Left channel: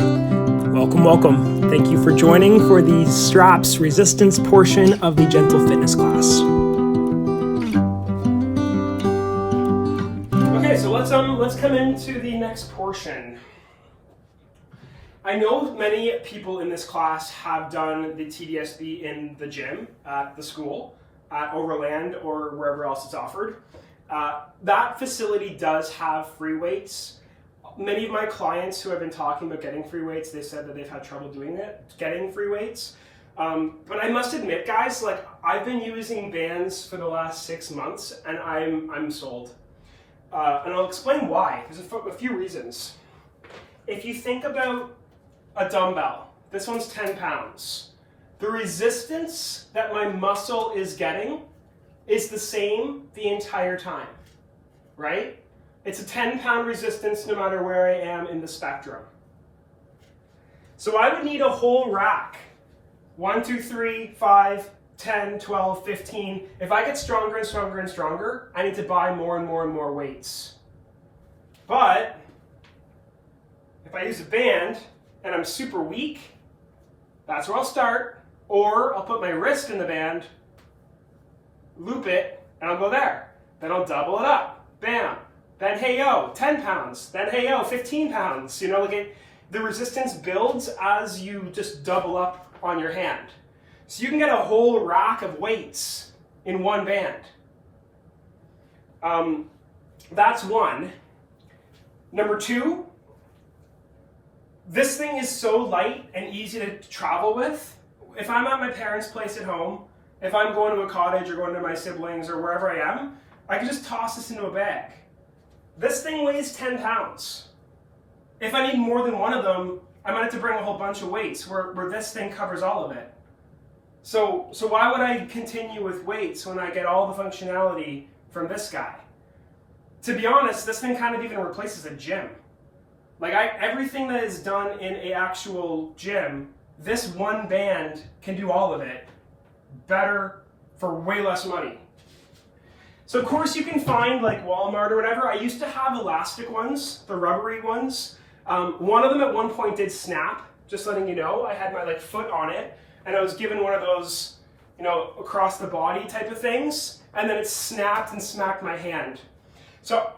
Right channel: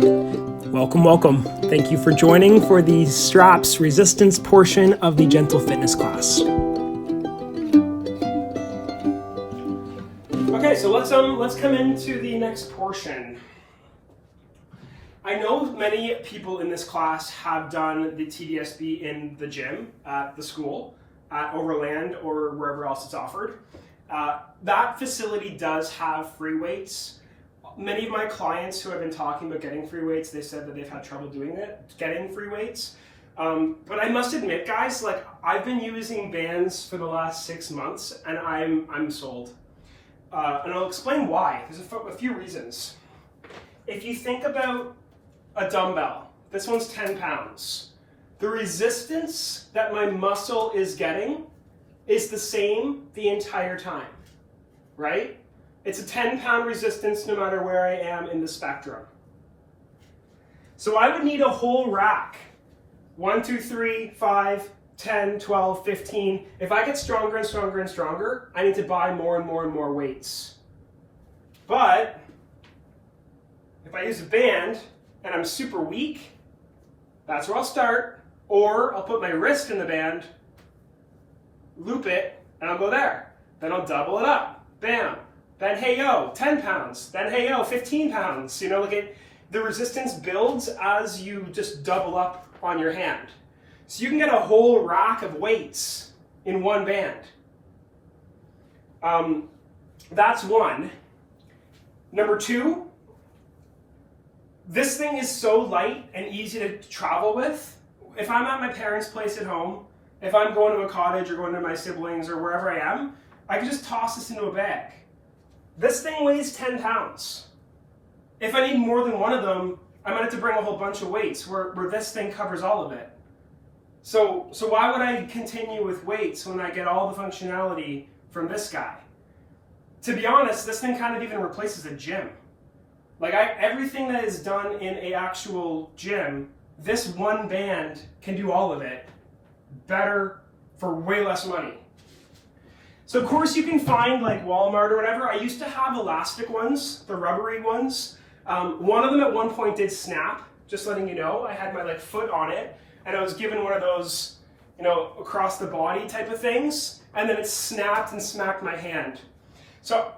Welcome, welcome. Thank you for joining for the straps resistance portion of the Gentle Fitness class. Okay, so let's come into the next portion. I know many people in this class have done the TDSB in the gym at the school, at Overland, or wherever else it's offered. That facility does have free weights. Many of my clients who have been talking about getting free weights, they said that they've had trouble getting free weights. But I must admit, guys, like I've been using bands for the last 6 months, and I'm sold. And I'll explain why. There's a few reasons. If you think about a dumbbell, this one's 10 pounds. The resistance that my muscle is getting is the same the entire time, right? It's a 10-pound resistance no matter where I am in the spectrum. So I would need a whole rack. 1, 2, 3, 5, 10, 12, 15. If I get stronger and stronger and stronger, I need to buy more and more and more weights. But if I use a band and I'm super weak, that's where I'll start. Or I'll put my wrist in the band, loop it, and I'll go there. Then I'll double it up. Bam. Then hey yo, 10 pounds. Then hey yo, 15 pounds. You know, like the resistance builds as you just double up on your hand. So you can get a whole rack of weights in one band. That's one. Number two, this thing is so light and easy to travel with. If I'm at my parents' place at home, if I'm going to a cottage or going to my siblings or wherever I am, I can just toss this into a bag. This thing weighs 10 pounds. If I need more than one of them, I might have to bring a whole bunch of weights where this thing covers all of it. So why would I continue with weights when I get all the functionality from this guy? To be honest, this thing kind of even replaces a gym. Like everything that is done in an actual gym, this one band can do all of it better for way less money. So of course you can find like Walmart or whatever. I used to have elastic ones, the rubbery ones. One of them at one point did snap, just letting you know. I had my like foot on it and I was given one of those, you know, across the body type of things. And then it snapped and smacked my hand. So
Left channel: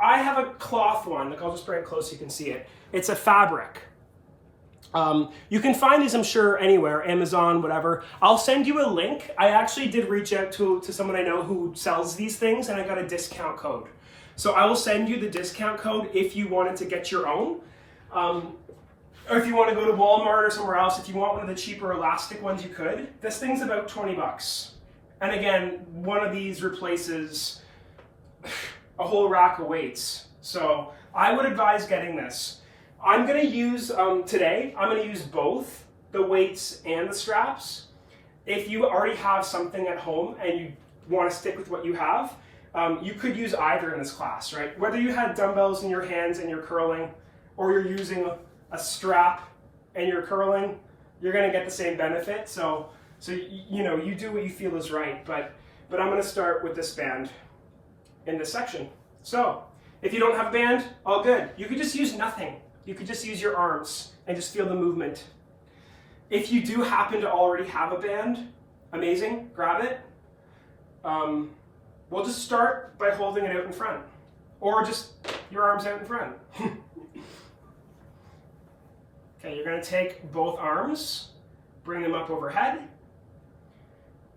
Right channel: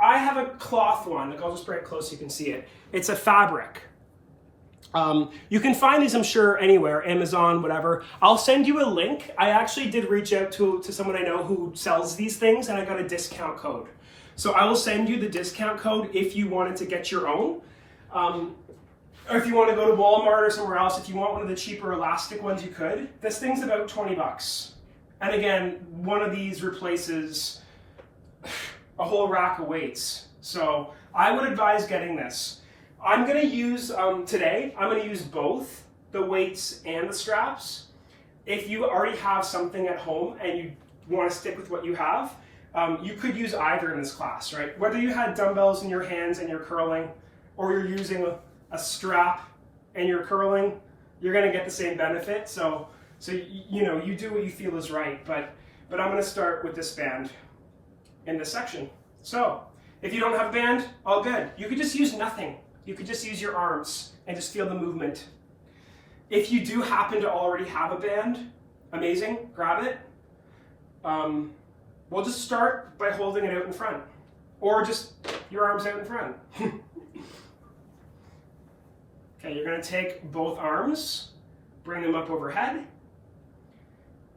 I have a cloth one, like I'll just bring it close so you can see it. It's a fabric. You can find these, I'm sure, anywhere, Amazon, whatever. I'll send you a link. I actually did reach out to someone I know who sells these things, and I got a discount code. So I will send you the discount code if you wanted to get your own. Or if you want to go to Walmart or somewhere else, if you want one of the cheaper elastic ones, you could. This thing's about 20 bucks. And again, one of these replaces a whole rack of weights. So I would advise getting this. I'm going to use, today, I'm going to use both the weights and the straps. If you already have something at home and you want to stick with what you have, you could use either in this class, right? Whether you had dumbbells in your hands and you're curling, or you're using a strap and you're curling, you're going to get the same benefit. So you know, you do what you feel is right, but I'm going to start with this band in this section. So if you don't have a band, all good. You could just use nothing. You could just use your arms and just feel the movement. If you do happen to already have a band, amazing, grab it. We'll just start by holding it out in front, or just your arms out in front. Okay, you're gonna take both arms, bring them up overhead,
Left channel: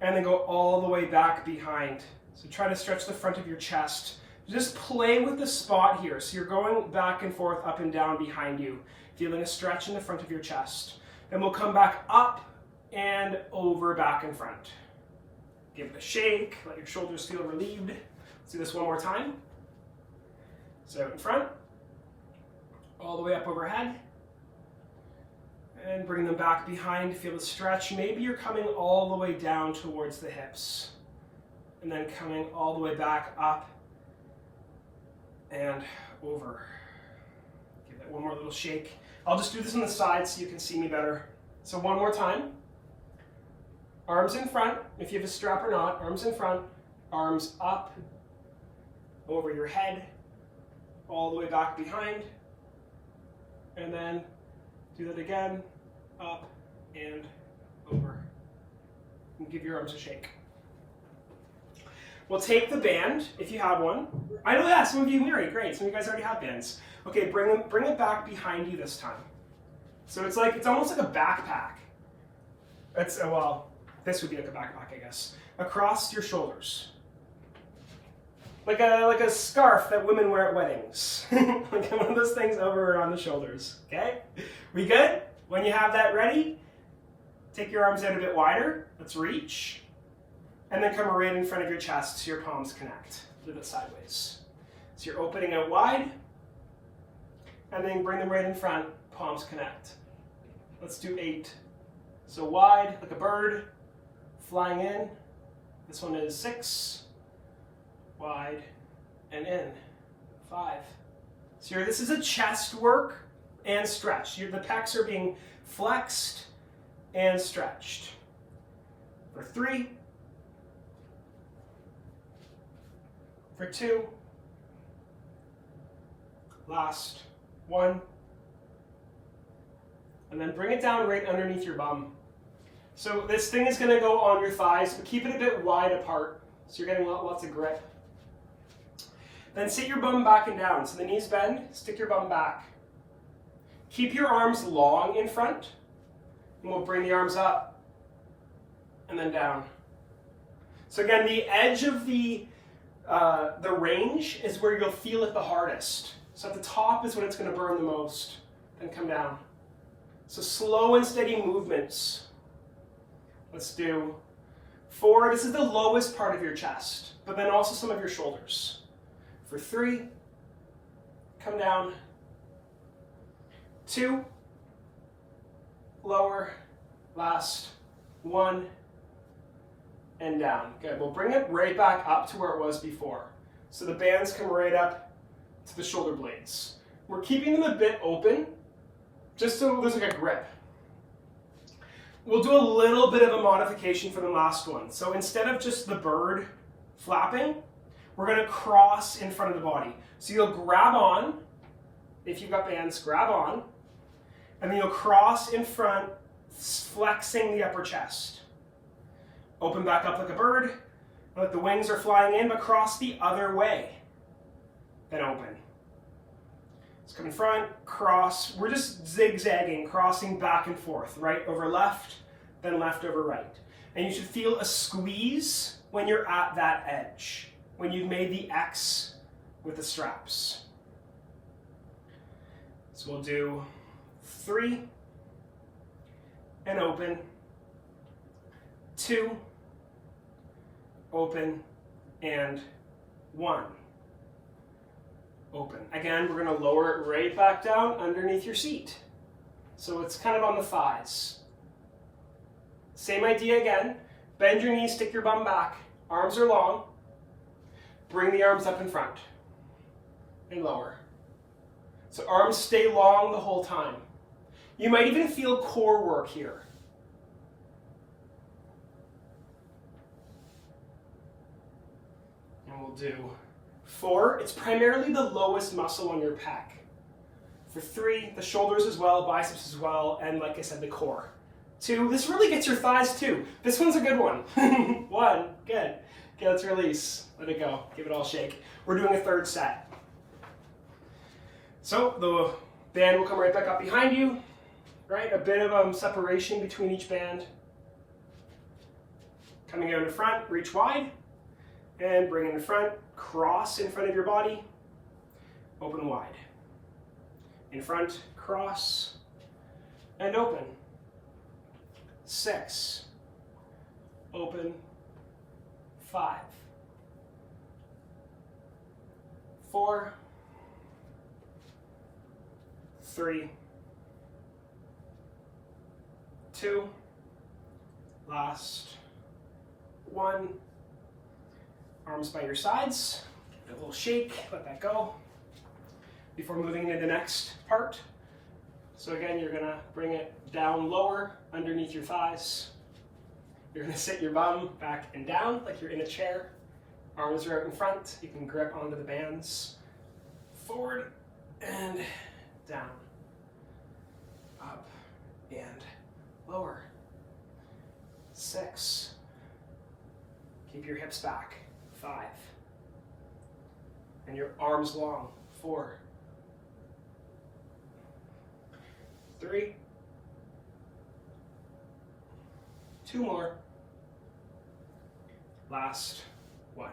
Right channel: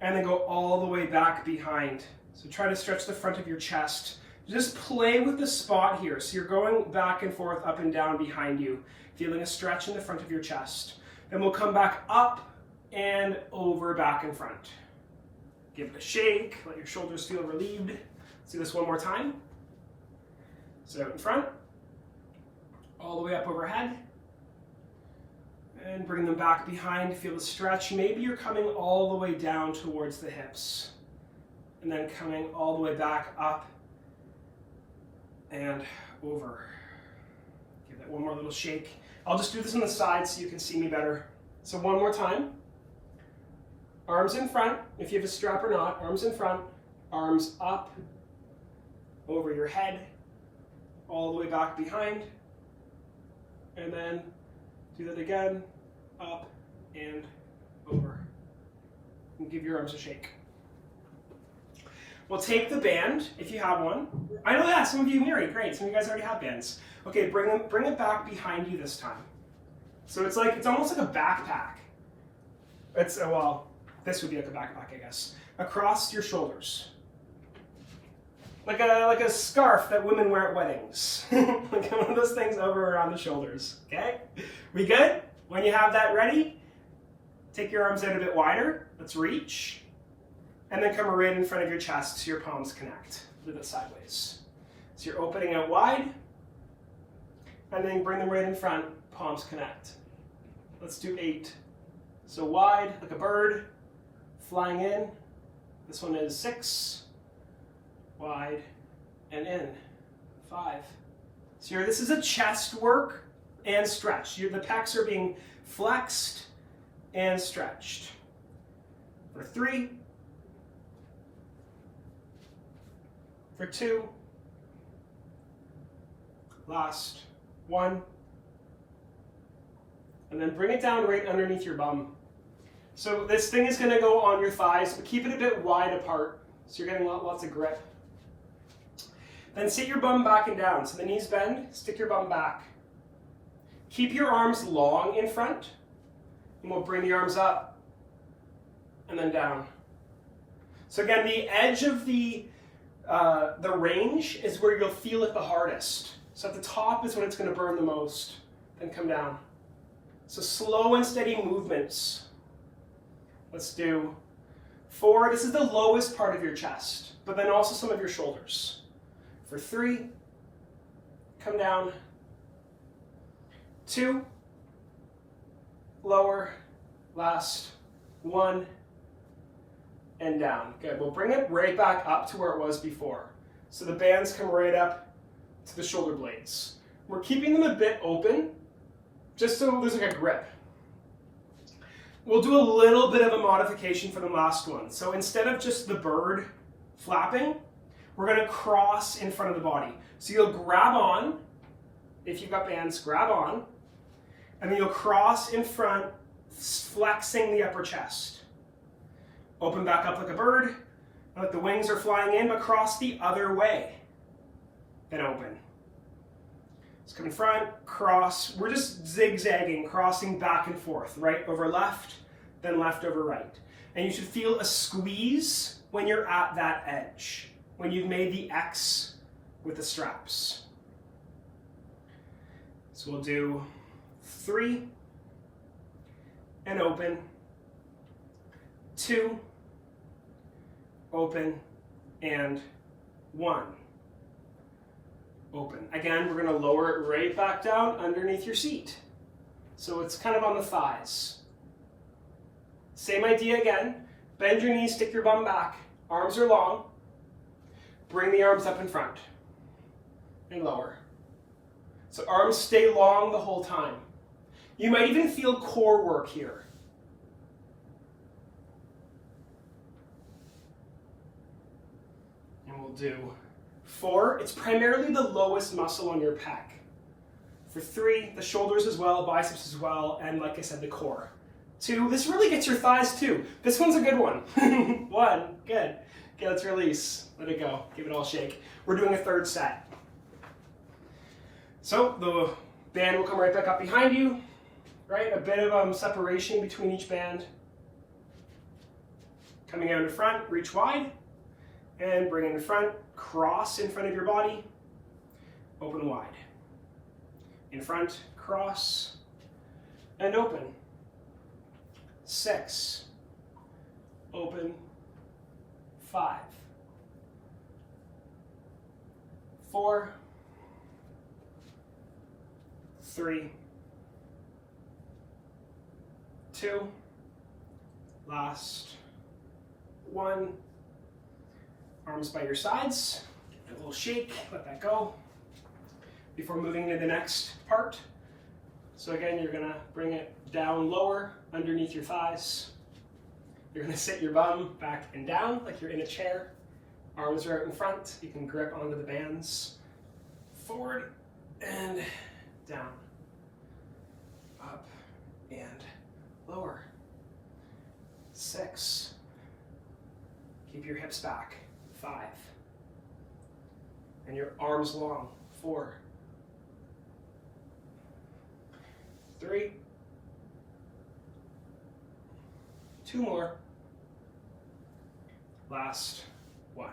and then go all the way back behind. So try to stretch the front of your chest. Just play with the spot here. So you're going back and forth, up and down behind you, feeling a stretch in the front of your chest. Then we'll come back up and over, back and front. Give it a shake, let your shoulders feel relieved. Let's do this one more time. So out in front, all the way up overhead, and bring them back behind, feel the stretch. Maybe you're coming all the way down towards the hips, and then coming all the way back up and over. Give that one more little shake. I'll just do this on the side so you can see me better. So one more time. Arms in front, if you have a strap or not, arms in front, arms up, over your head, all the way back behind, and then Do that again, up and over. And give your arms a shake. We'll take the band, if you have one. I know that, some of you, Mary, great. Some of you guys already have bands. Okay, bring it back behind you this time. So it's almost like a backpack. Well, this would be like a backpack, I guess. Across your shoulders. Like a scarf that women wear at weddings. Like one of those things over around the shoulders, okay? We good? When you have that ready, take your arms out a bit wider. Let's reach. And then come right in front of your chest so your palms connect. Do it sideways. So you're opening out wide. And then bring them right in front, palms connect. Let's do 8. So wide, like a bird, flying in. This one is 6. Wide and in. 5. So here, this is a chest work and stretch. The pecs are being flexed and stretched. For 3. For 2. Last. 1. And then bring it down right underneath your bum. So this thing is going to go on your thighs, but keep it a bit wide apart so you're getting lots of grip. Then sit your bum back and down. So the knees bend, stick your bum back. Keep your arms long in front, and we'll bring the arms up and then down. So again, the edge of the range is where you'll feel it the hardest. So at the top is when it's going to burn the most, then come down. So slow and steady movements. Let's do 4. This is the lowest part of your chest, but then also some of your shoulders. For 3, come down. 2, lower, last. 1, and down. Good, we'll bring it right back up to where it was before. So the bands come right up to the shoulder blades. We're keeping them a bit open, just so there's like a grip. We'll do a little bit of a modification for the last one. So instead of just the bird flapping, we're going to cross in front of the body. So you'll grab on, if you've got bands, grab on, and then you'll cross in front, flexing the upper chest. Open back up like a bird, like the wings are flying in, but cross the other way. Then open. Let's come in front, cross. We're just zigzagging, crossing back and forth, right over left, then left over right. And you should feel a squeeze when you're at that edge, when you've made the X with the straps. So we'll do 3, and open. 2, open, and 1. Open. Again, we're going to lower it right back down underneath your seat. So it's kind of on the thighs. Same idea again. Bend your knees, stick your bum back. Arms are long. Bring the arms up in front. And lower. So arms stay long the whole time. You might even feel core work here. And we'll do 4, it's primarily the lowest muscle on your pec. For 3, the shoulders as well, biceps as well, and like I said, the core. 2, this really gets your thighs too. This one's a good one. 1, good. Okay, let's release. Let it go. Give it all a shake. We're doing a 3rd set. So the band will come right back up behind you, right? A bit of separation between each band. Coming out in front, reach wide, and bring it in front. Cross in front of your body, open wide. In front, cross, and open. 6, open, 5, 4, 3, 2, last, 1. Arms by your sides, give it a little shake, let that go before moving to the next part. So again, you're gonna bring it down lower underneath your thighs. You're gonna sit your bum back and down like you're in a chair. Arms are out in front, you can grip onto the bands. Forward and down, up 6. Keep your hips back. 5. And your arms long. 4. 3. 2 more. Last 1.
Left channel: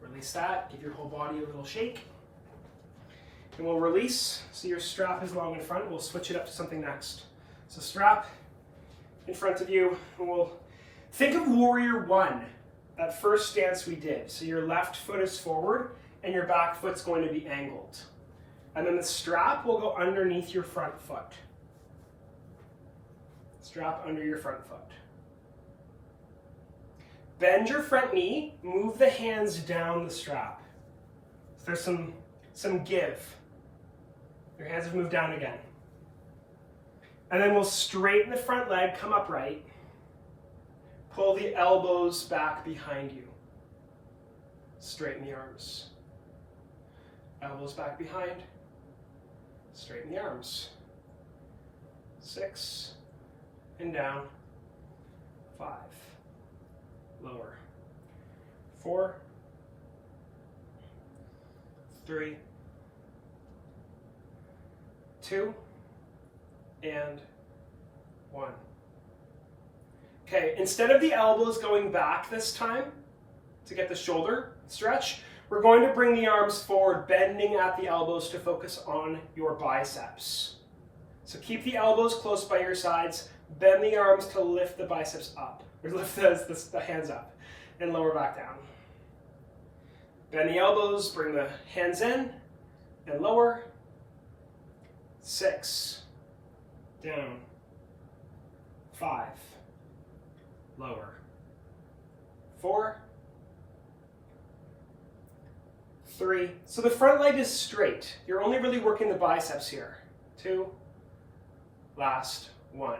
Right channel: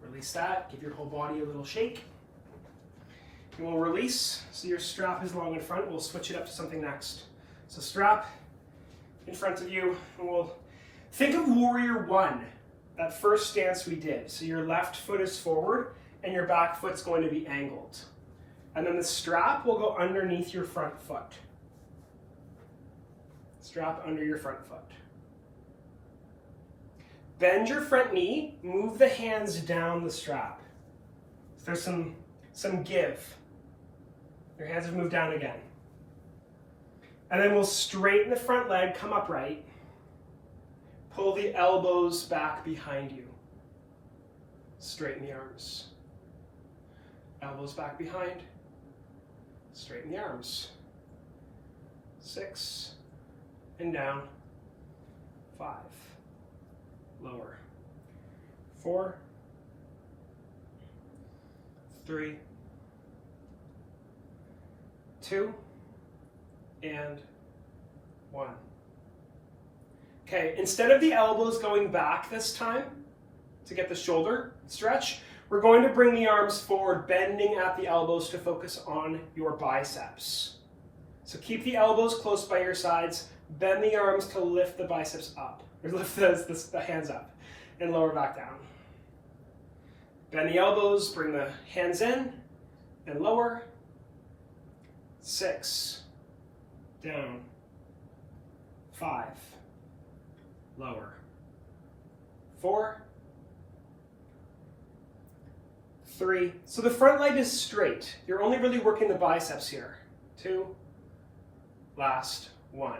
Release that. Give your whole body a little shake. And we'll release. So your strap is long in front. We'll switch it up to something next. So strap in front of you. And we'll think of warrior 1. That first stance we did. So your left foot is forward and your back foot's going to be angled. And then the strap will go underneath your front foot. Strap under your front foot. Bend your front knee, move the hands down the strap. So there's some give. Your hands have moved down again. And then we'll straighten the front leg, come upright. Pull the elbows back behind you. Straighten the arms. Elbows back behind. Straighten the arms. 6. And down. 5. Lower. 4. 3. 2. And 1. Okay, instead of the elbows going back this time to get the shoulder stretch, we're going to bring the arms forward, bending at the elbows to focus on your biceps. So keep the elbows close by your sides, bend the arms to lift the biceps up, or lift the hands up, and lower back down. Bend the elbows, bring the hands in, and lower. 6, down. 5, lower. 4, 3. So the front leg is straight. You're only really working the biceps here. 2, last 1.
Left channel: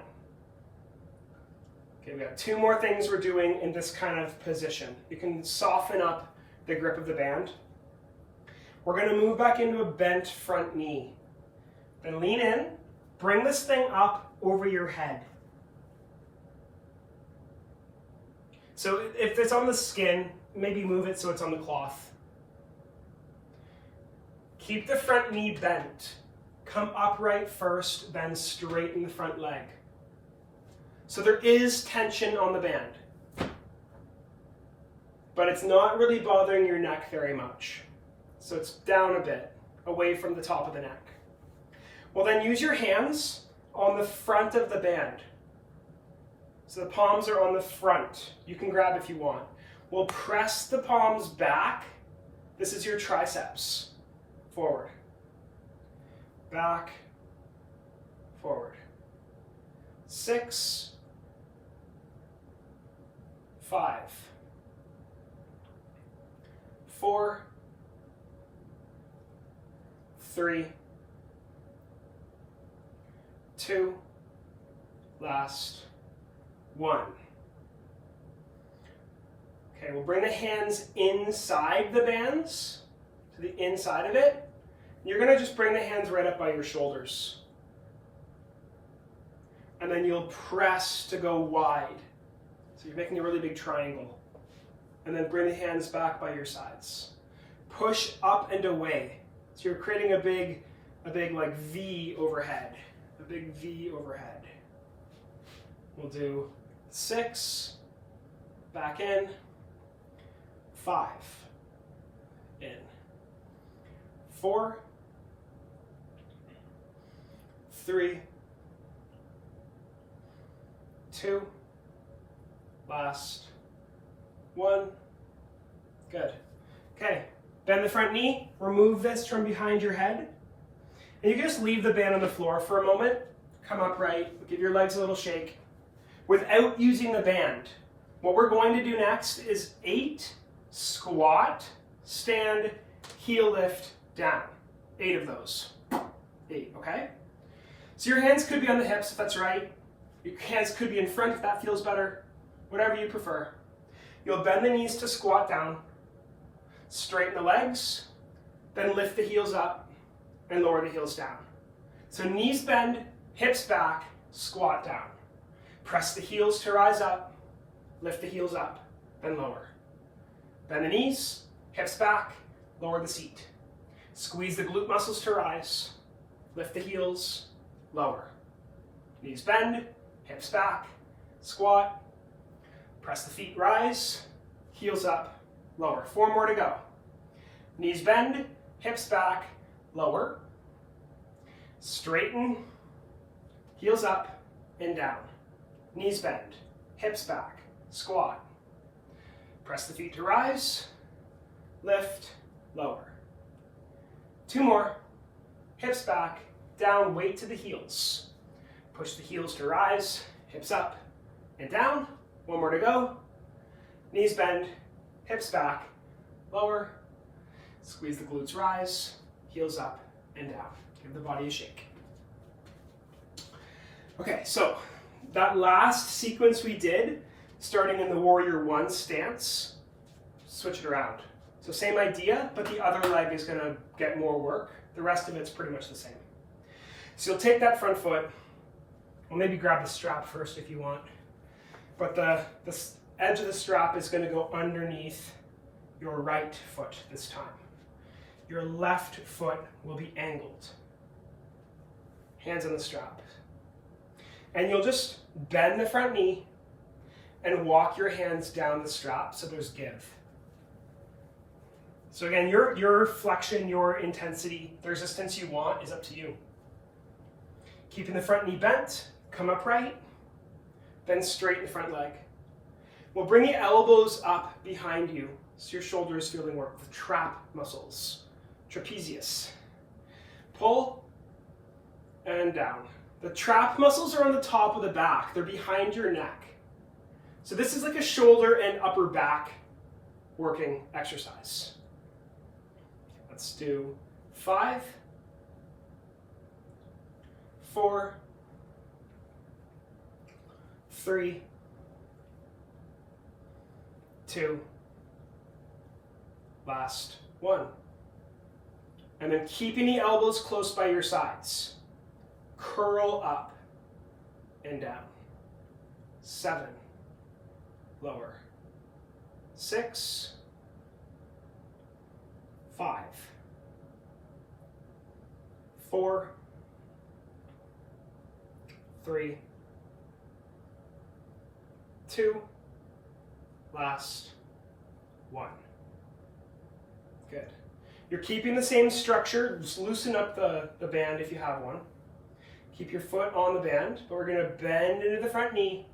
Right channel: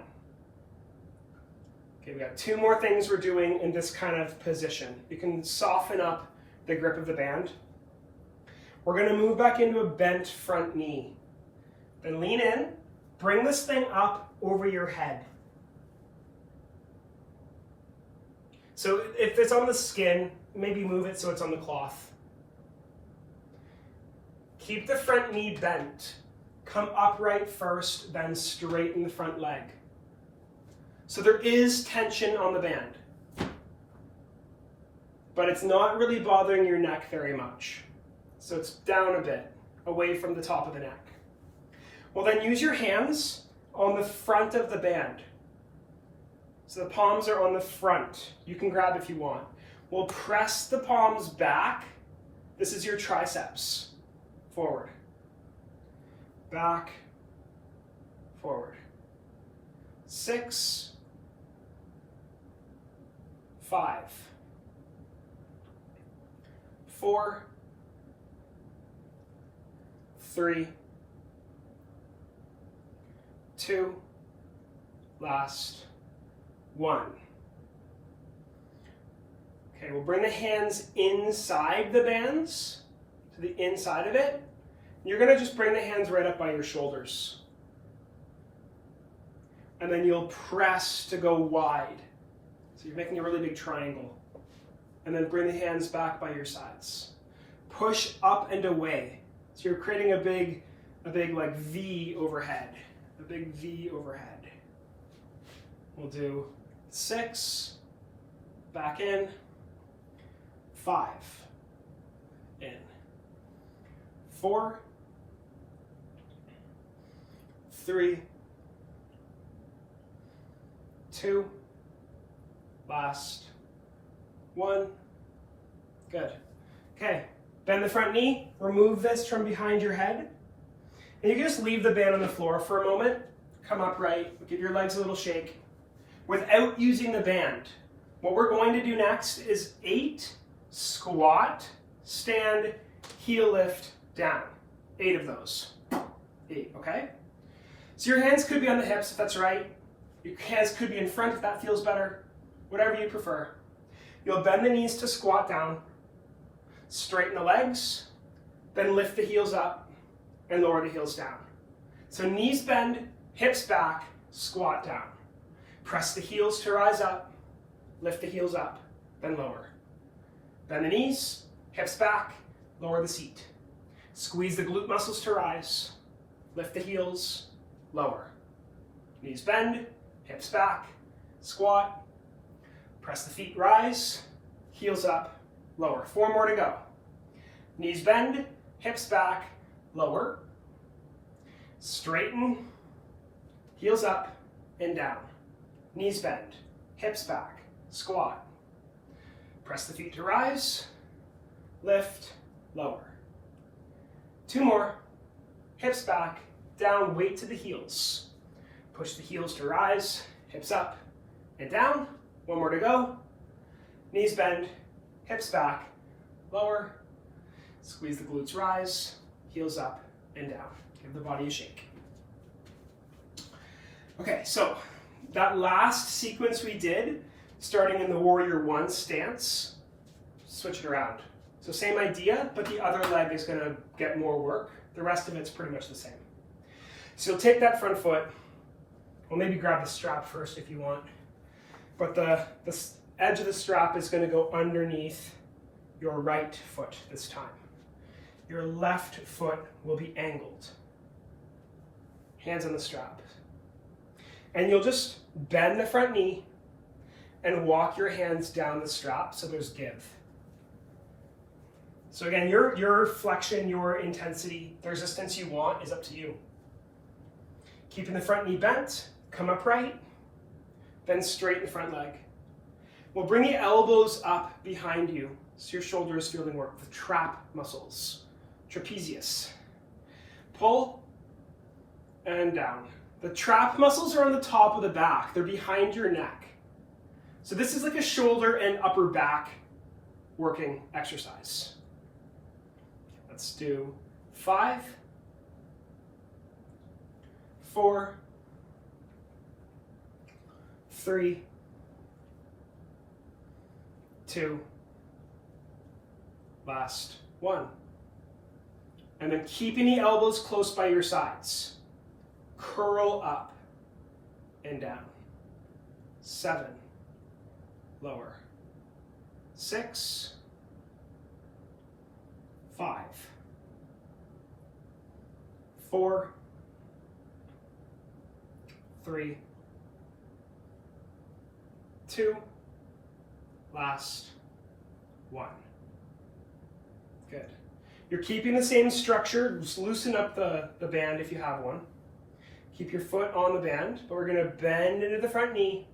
Okay, we got 2 more things we're doing in this kind of position. You can soften up the grip of the band. We're going to move back into a bent front knee. Then lean in, bring this thing up over your head. So if it's on the skin, maybe move it so it's on the cloth. Keep the front knee bent. Come upright first, then straighten the front leg. So there is tension on the band, but it's not really bothering your neck very much. So it's down a bit, away from the top of the neck. Well, then use your hands on the front of the band. So the palms are on the front. You can grab if you want. We'll press the palms back. This is your triceps. Forward. Back. Forward. 6. 5. 4. 3. 2. Last 1. Okay, we'll bring the hands inside the bands, to the inside of it. You're going to just bring the hands right up by your shoulders. And then you'll press to go wide. So you're making a really big triangle. And then bring the hands back by your sides. Push up and away. So you're creating a big like V overhead. A big V overhead. We'll do 6, back in, 5, in, 4, 3, 2, last 1. Good. Okay, bend the front knee, remove this from behind your head, and you can just leave the band on the floor for a moment. Come upright, give your legs a little shake. Without using the band, what we're going to do next is 8 squat, stand, heel lift, down. 8 of those. 8, okay? So your hands could be on the hips if that's right. Your hands could be in front if that feels better. Whatever you prefer. You'll bend the knees to squat down, straighten the legs, then lift the heels up and lower the heels down. So knees bend, hips back, squat down. Press the heels to rise up. Lift the heels up, then lower. Bend the knees, hips back, lower the seat. Squeeze the glute muscles to rise. Lift the heels, lower. Knees bend, hips back, squat. Press the feet, rise, heels up, lower. 4 more to go. Knees bend, hips back, lower. Straighten, heels up and down. Knees bend, hips back, squat. Press the feet to rise, lift, lower. 2 more. Hips back, down, weight to the heels. Push the heels to rise, hips up and down. 1 more to go. Knees bend, hips back, lower. Squeeze the glutes, rise, heels up and down. Give the body a shake. Okay, so that last sequence we did, starting in the Warrior One stance, switch it around. So same idea, but the other leg is going to get more work. The rest of it's pretty much the same. So you'll take that front foot, well, maybe grab the strap first if you want, but the edge of the strap is going to go underneath your right foot this time. Your left foot will be angled. Hands on the strap. And you'll just bend the front knee and walk your hands down the strap so there's give. So again, your flexion, your intensity, the resistance you want is up to you. Keeping the front knee bent, come upright, then straighten the front leg. We'll bring the elbows up behind you so your shoulders feel the work, the trap muscles, trapezius. Pull and down. The trap muscles are on the top of the back. They're behind your neck. So this is like a shoulder and upper back working exercise. Let's do 5, 4, 3, 2, last 1. And then keeping the elbows close by your sides. Curl up and down. 7, lower. 6, 5, 4, 3, 2, last 1. Good. You're keeping the same structure. Just loosen up the band if you have one. Keep your foot on the band, but we're going to bend into the front knee.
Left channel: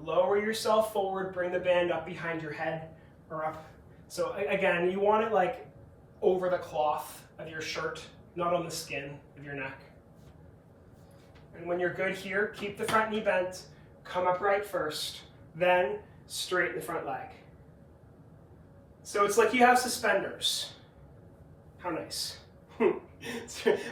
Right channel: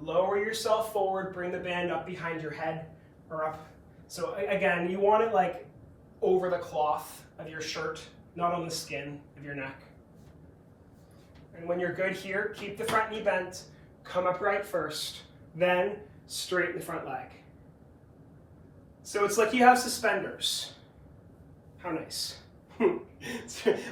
Lower yourself forward, bring the band up behind your head or up. So again, you want it like over the cloth of your shirt, not on the skin of your neck. And when you're good here, keep the front knee bent, come upright first, then straighten the front leg. So it's like you have suspenders. How nice.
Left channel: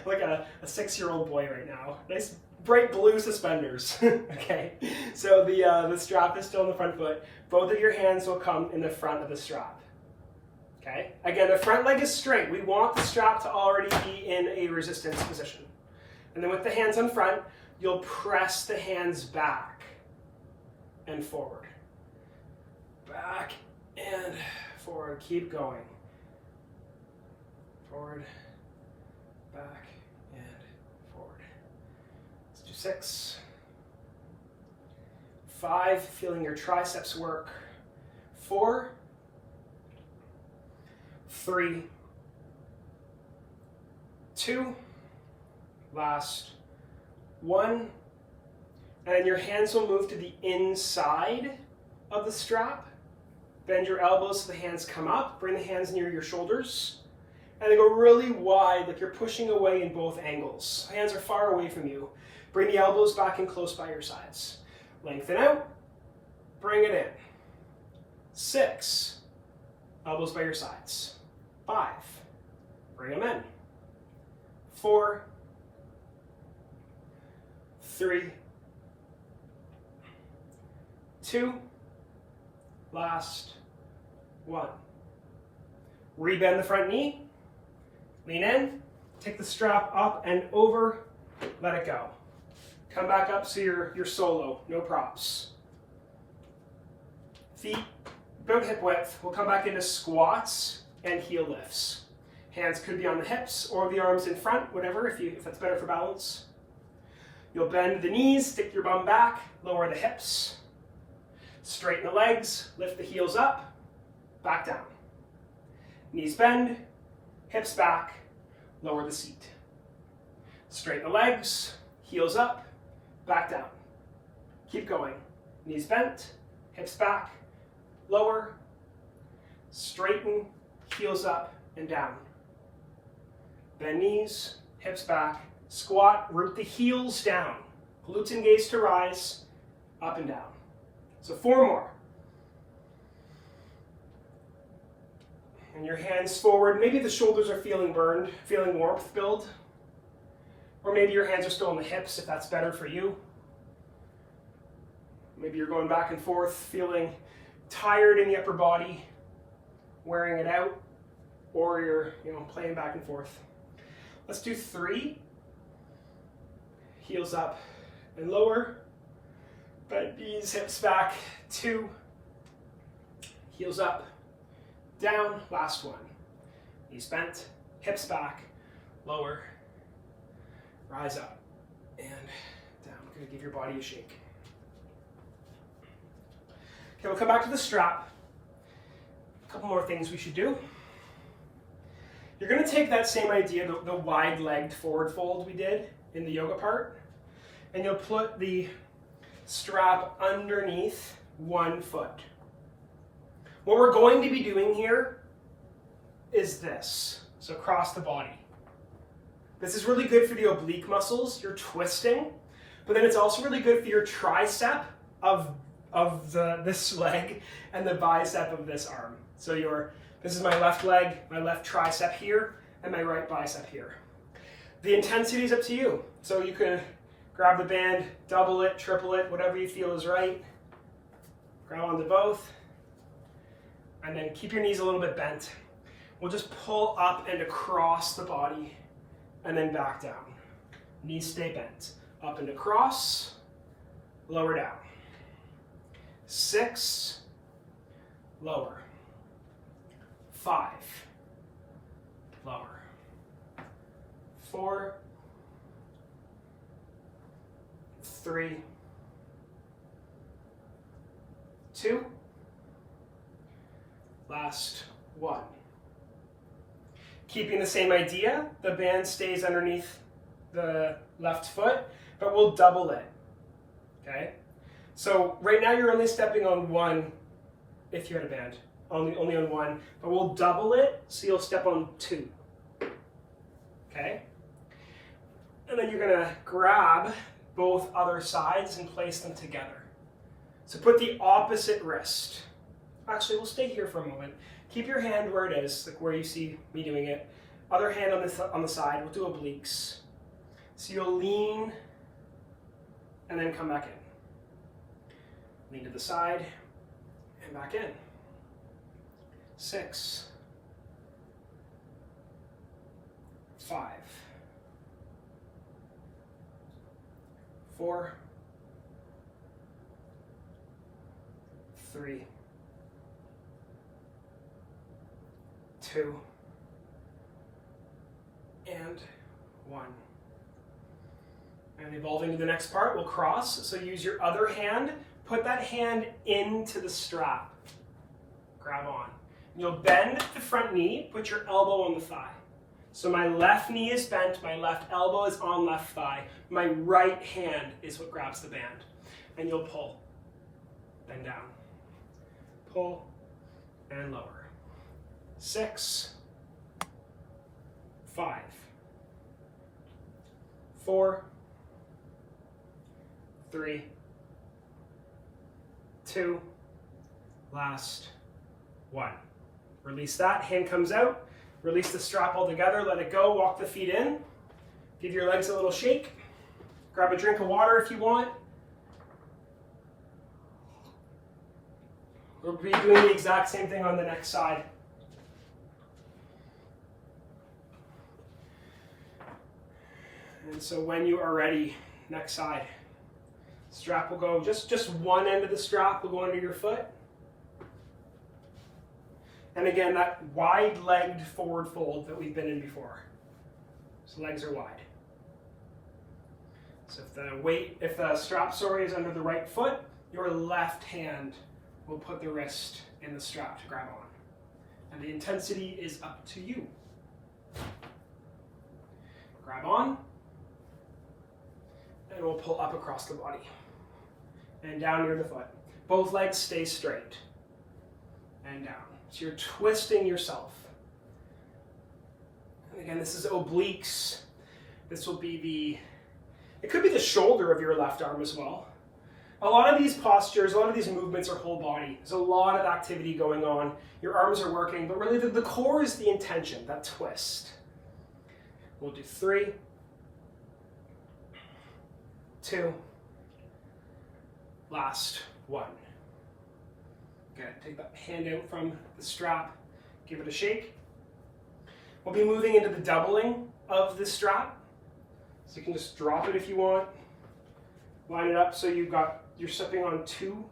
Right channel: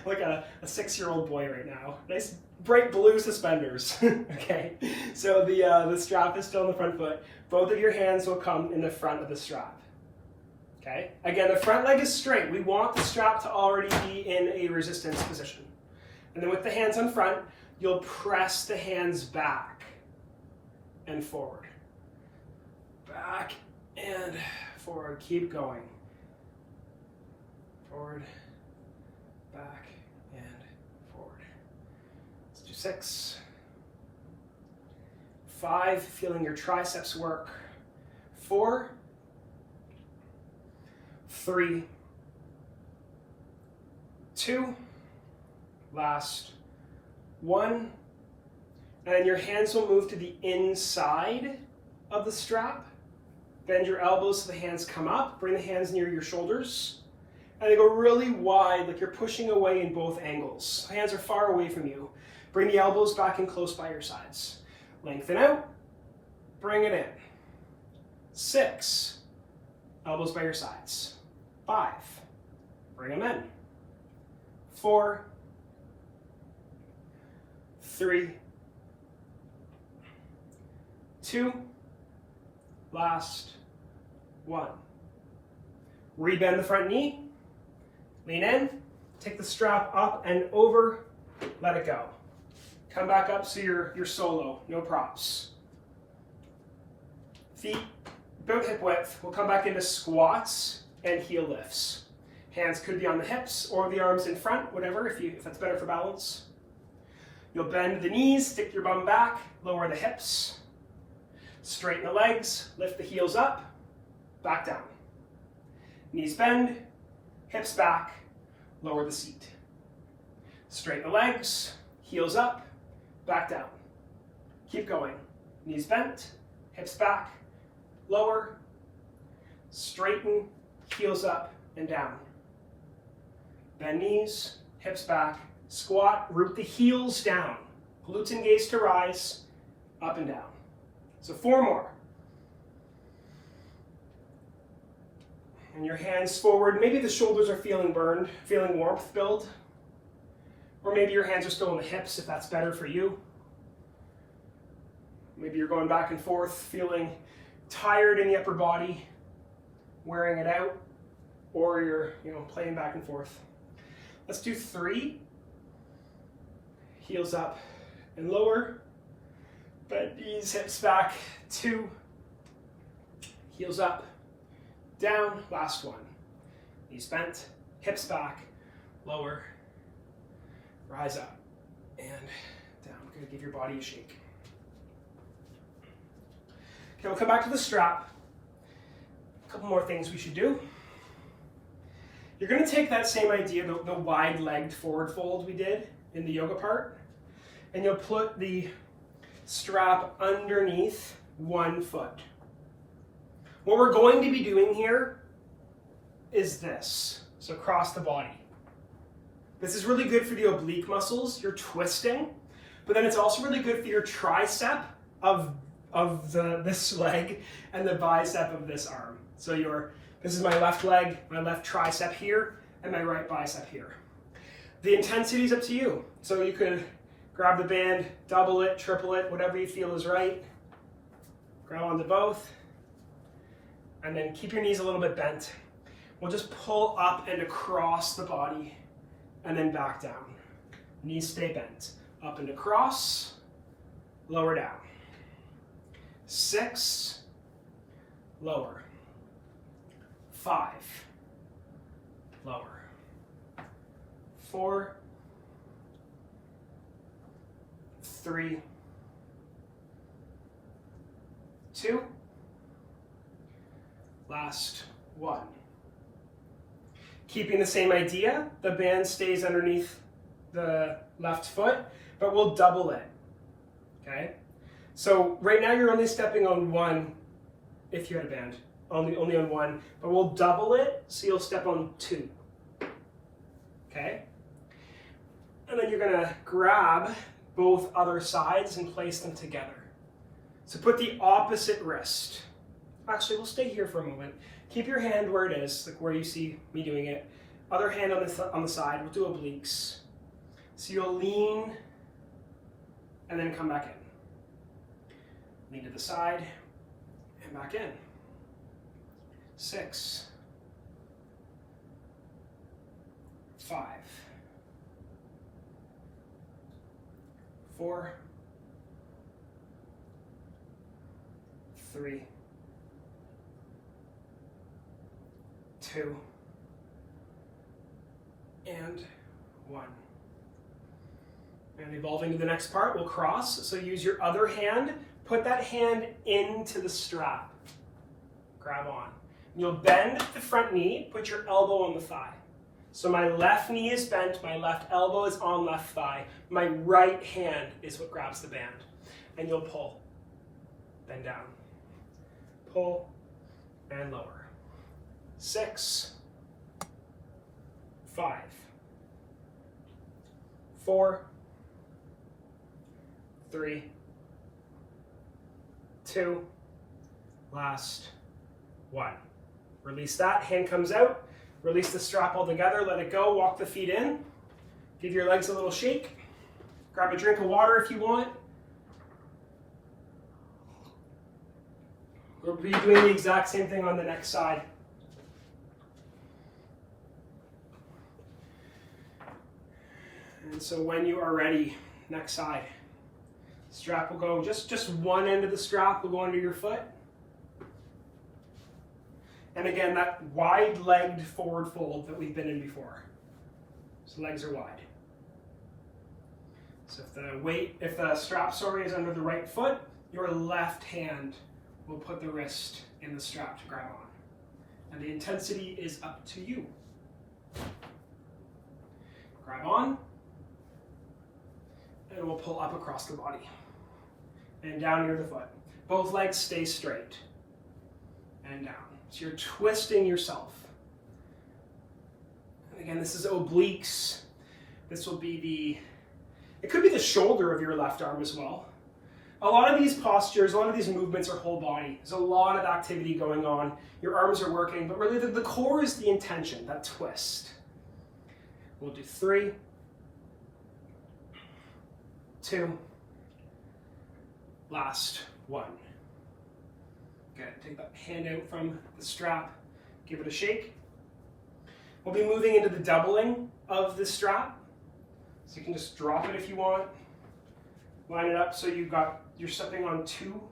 Like a 6-year-old boy right now. Nice bright blue suspenders. Okay, so the strap is still in the front foot. Both of your hands will come in the front of the strap. Okay, again, the front leg is straight. We want the strap to already be in a resistance position. And then with the hands in front, you'll press the hands back and forward. Back and forward. Keep going. Forward, back, and forward. Let's do 6. 5, feeling your triceps work. 4, 3, 2, last 1. And your hands will move to the inside of the strap. Bend your elbows so the hands come up. Bring the hands near your shoulders. And they go really wide, like you're pushing away in both angles. Hands are far away from you. Bring the elbows back in close by your sides. Lengthen out. Bring it in. 6. Elbows by your sides. 5. Bring them in. 4. 3. 2. Last 1. Rebend the front knee. Lean in, take the strap up and over, let it go. Come back up so you're solo, no props. Feet about hip width. We'll come back into squats and heel lifts. Hands could be on the hips or the arms in front, whatever, if that's better for balance. You'll bend the knees, stick your bum back, lower the hips. Straighten the legs, lift the heels up, back down. Knees bend, hips back, lower the seat. Straighten the legs, heels up, back down. Keep going. Knees bent, hips back, lower, straighten, heels up and down. Bend knees, hips back, squat, root the heels down. Glutes engaged to rise, up and down. So 4 more. And your hands forward. Maybe the shoulders are feeling burned, feeling warmth build. Or maybe your hands are still on the hips if that's better for you. Maybe you're going back and forth, feeling tired in the upper body, wearing it out, or you're playing back and forth. Let's do 3. Heels up and lower. Bend knees, hips back. 2. Heels up, down. Last one. Knees bent, hips back, lower, rise up, and down. We're going to give your body a shake. Okay, we'll come back to the strap. A couple more things we should do. You're going to take that same idea, the wide-legged forward fold we did in the yoga part, and you'll put the strap underneath one foot. What we're going to be doing here is this, so across the body. This is really good for the oblique muscles, you're twisting, but then it's also really good for your tricep of this leg and the bicep of this arm. So this is my left leg, my left tricep here, and my right bicep here. The intensity is up to you. So you could grab the band, double it, triple it, whatever you feel is right. Grab onto both. And then keep your knees a little bit bent. We'll just pull up and across the body and then back down. Knees stay bent. Up and across, lower down. 6, lower. 5, lower. 4, 3, 2, last 1. Keeping the same idea, the band stays underneath the left foot, but we'll double it, okay? So right now you're only stepping on 1 if you had a band, only on 1, but we'll double it so you'll step on 2, okay? And then you're gonna grab both other sides and place them together. So put the opposite wrist. Actually, we'll stay here for a moment. Keep your hand where it is, like where you see me doing it. Other hand on the side, we'll do obliques. So you'll lean and then come back in. Lean to the side and back in. 6, 5, 4, 3, 2, and 1. And evolving to the next part, we'll cross. So use your other hand, put that hand into the strap. Grab on. You'll bend the front knee, put your elbow on the thigh. So my left knee is bent, my left elbow is on left thigh. My right hand is what grabs the band. And you'll pull, then down. Pull, and lower. 6, 5, 4, 3, 2, last 1. Release that, hand comes out, release the strap altogether, let it go, walk the feet in, give your legs a little shake, grab a drink of water if you want. We'll be doing the exact same thing on the next side. And so when you are ready, next side. Strap will go, just one end of the strap will go under your foot. And again, that wide-legged forward fold that we've been in before. So legs are wide. So if the strap, is under the right foot, your left hand will put the wrist in the strap to grab on. And the intensity is up to you. Grab on, and we'll pull up across the body. And down near the foot. Both legs stay straight. And down. So you're twisting yourself. And again, this is obliques. This will be it could be the shoulder of your left arm as well. A lot of these postures, a lot of these movements are whole body. There's a lot of activity going on. Your arms are working, but really the core is the intention, that twist. We'll do 3, 2, last 1. Good. Take that hand out from the strap, give it a shake. We'll be moving into the doubling of the strap. So you can just drop it if you want. Line it up so you're stepping on 2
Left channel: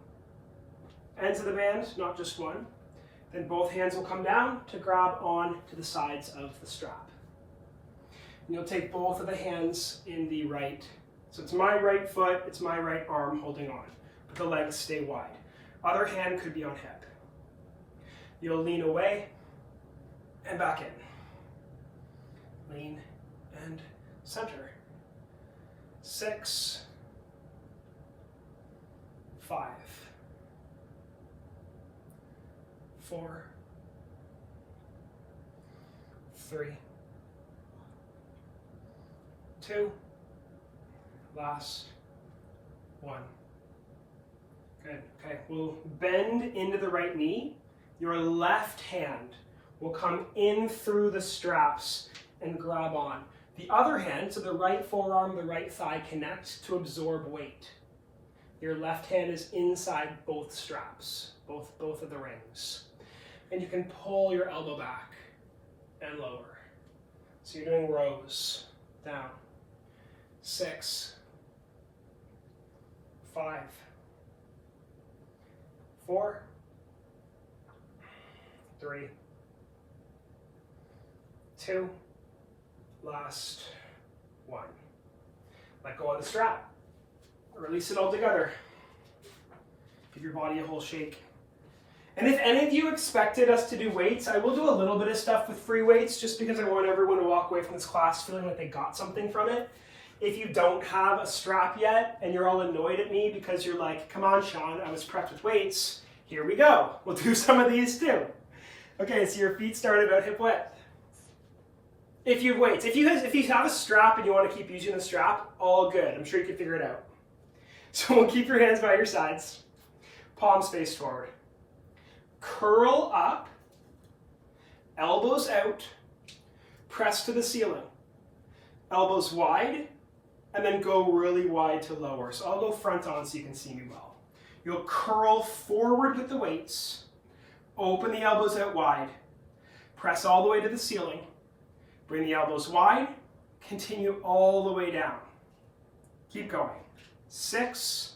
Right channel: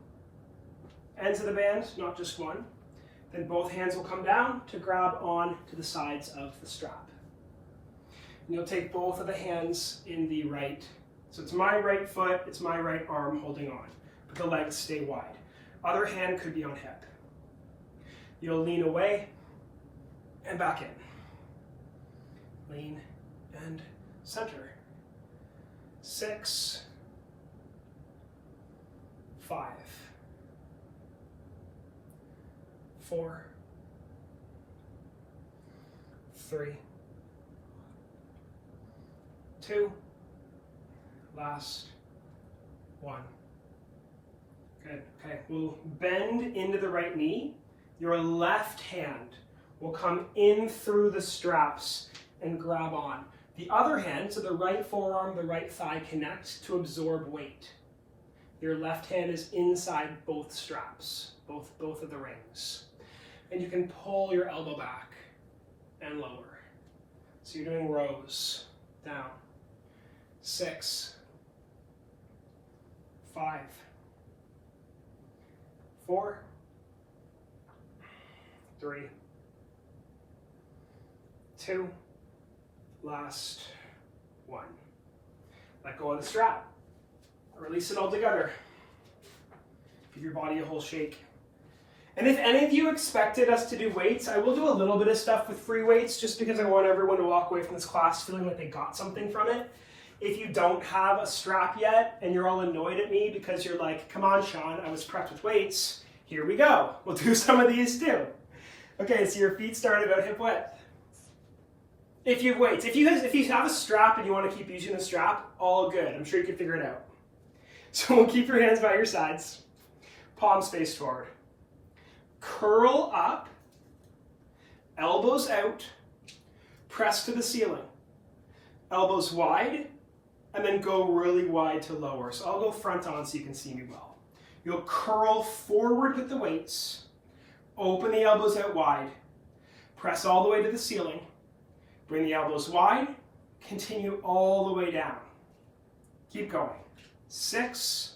ends of the band, not just one. Then both hands will come down to grab on to the sides of the strap. And you'll take both of the hands in the right. So it's my right foot, it's my right arm holding on, but the legs stay wide. Other hand could be on hip. You'll lean away and back in. Lean and center. 6, 5, 4, 3, 2, last 1. Good. Okay, we'll bend into the right knee. Your left hand will come in through the straps and grab on. The other hand, so the right forearm, the right thigh connect to absorb weight. Your left hand is inside both straps, both of the rings. And you can pull your elbow back and lower. So you're doing rows. Down. 6, 5, 4, 3, 2, last 1. Let go of the strap. Release it all together. Give your body a whole shake. And if any of you expected us to do weights, I will do a little bit of stuff with free weights just because I want everyone to walk away from this class feeling like they got something from it. If you don't have a strap yet and you're all annoyed at me because you're like, come on, Sean, I was prepped with weights, here we go. We'll do some of these too. Okay, so your feet start about hip width. If you have weights, if you have a strap and you want to keep using the strap, all good. I'm sure you can figure it out. So we'll keep your hands by your sides. Palms face forward. Curl up, elbows out, press to the ceiling. Elbows wide, and then go really wide to lower. So I'll go front on so you can see me well. You'll curl forward with the weights, open the elbows out wide, press all the way to the ceiling, bring the elbows wide, continue all the way down. Keep going. 6,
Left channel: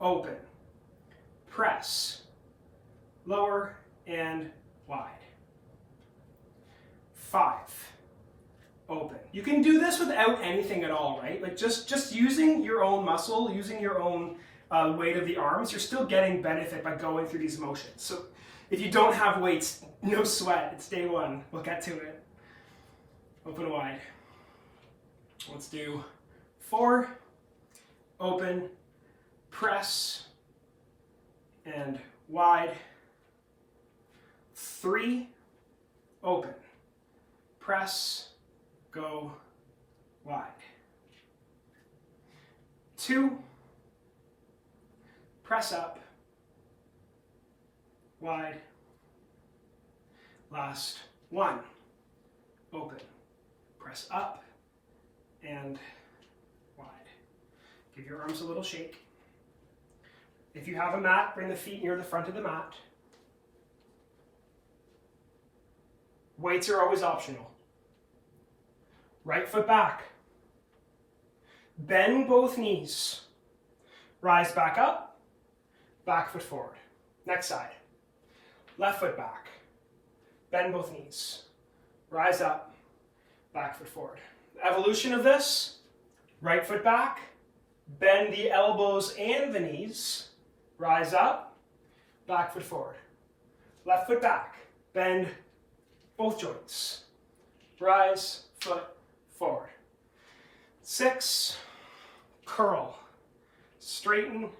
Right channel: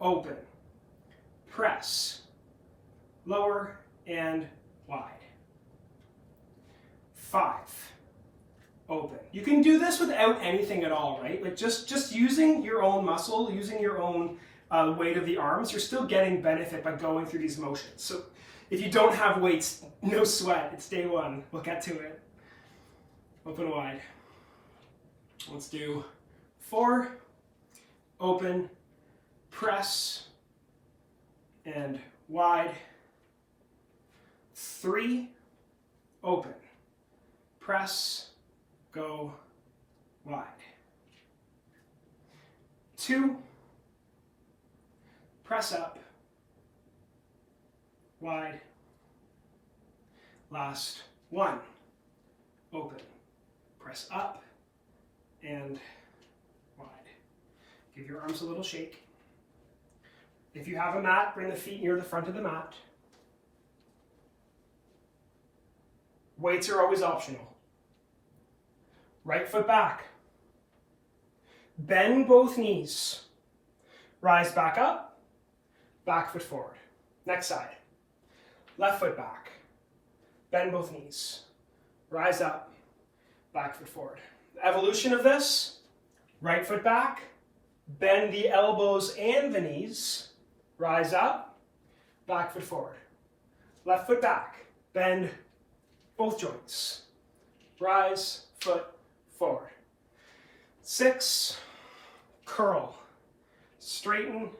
open, press, lower and wide. 5, open. You can do this without anything at all, right? Like just using your own muscle, using your own weight of the arms, you're still getting benefit by going through these motions. So if you don't have weights, no sweat. It's day 1. We'll get to it. Open wide. Let's do 4, open, press, and wide. 3, open, press, go wide. 2, press up, wide. Last 1, open, press up, and wide. Give your arms a little shake. If you have a mat, bring the feet near the front of the mat. Weights are always optional. Right foot back. Bend both knees. rise back up, back foot forward. Next side. Left foot back, bend both knees, rise up, back foot forward. Evolution of this, right foot back, bend the elbows and the knees, rise up, back foot forward. Left foot back, bend both joints, rise, foot forward. 6, curl, straighten,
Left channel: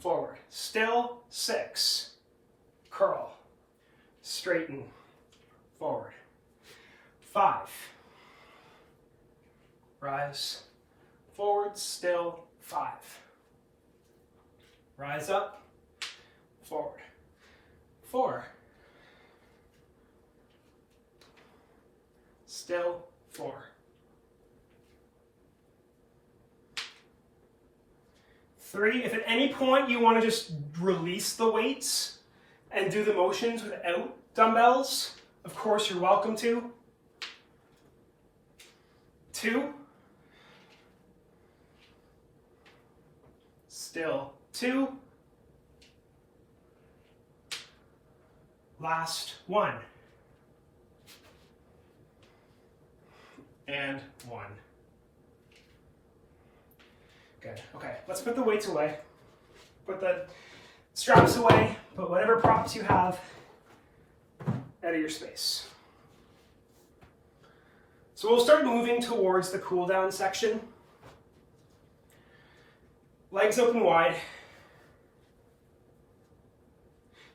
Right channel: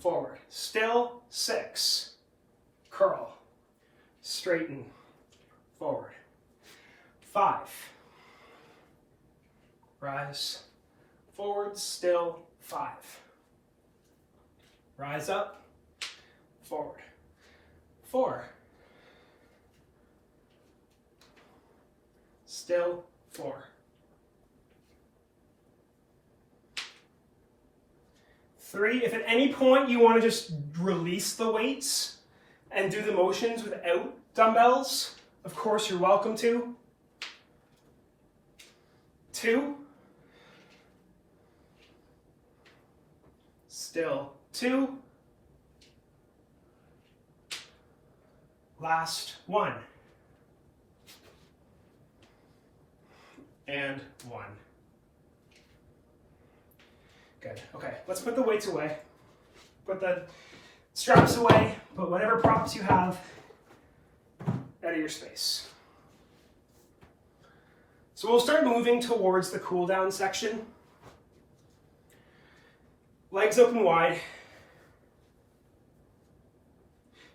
forward. Still, 6, curl, straighten, forward. 5, rise, forward, still, 5. Rise up, forward. 4, still, 4. 3, if at any point you want to just release the weights and do the motions without dumbbells, of course you're welcome to. 2, still 2, last 1, and 1. Good. Okay, let's put the weights away. Put the straps away. Put whatever props you have out of your space. So we'll start moving towards the cool down section. Legs open wide.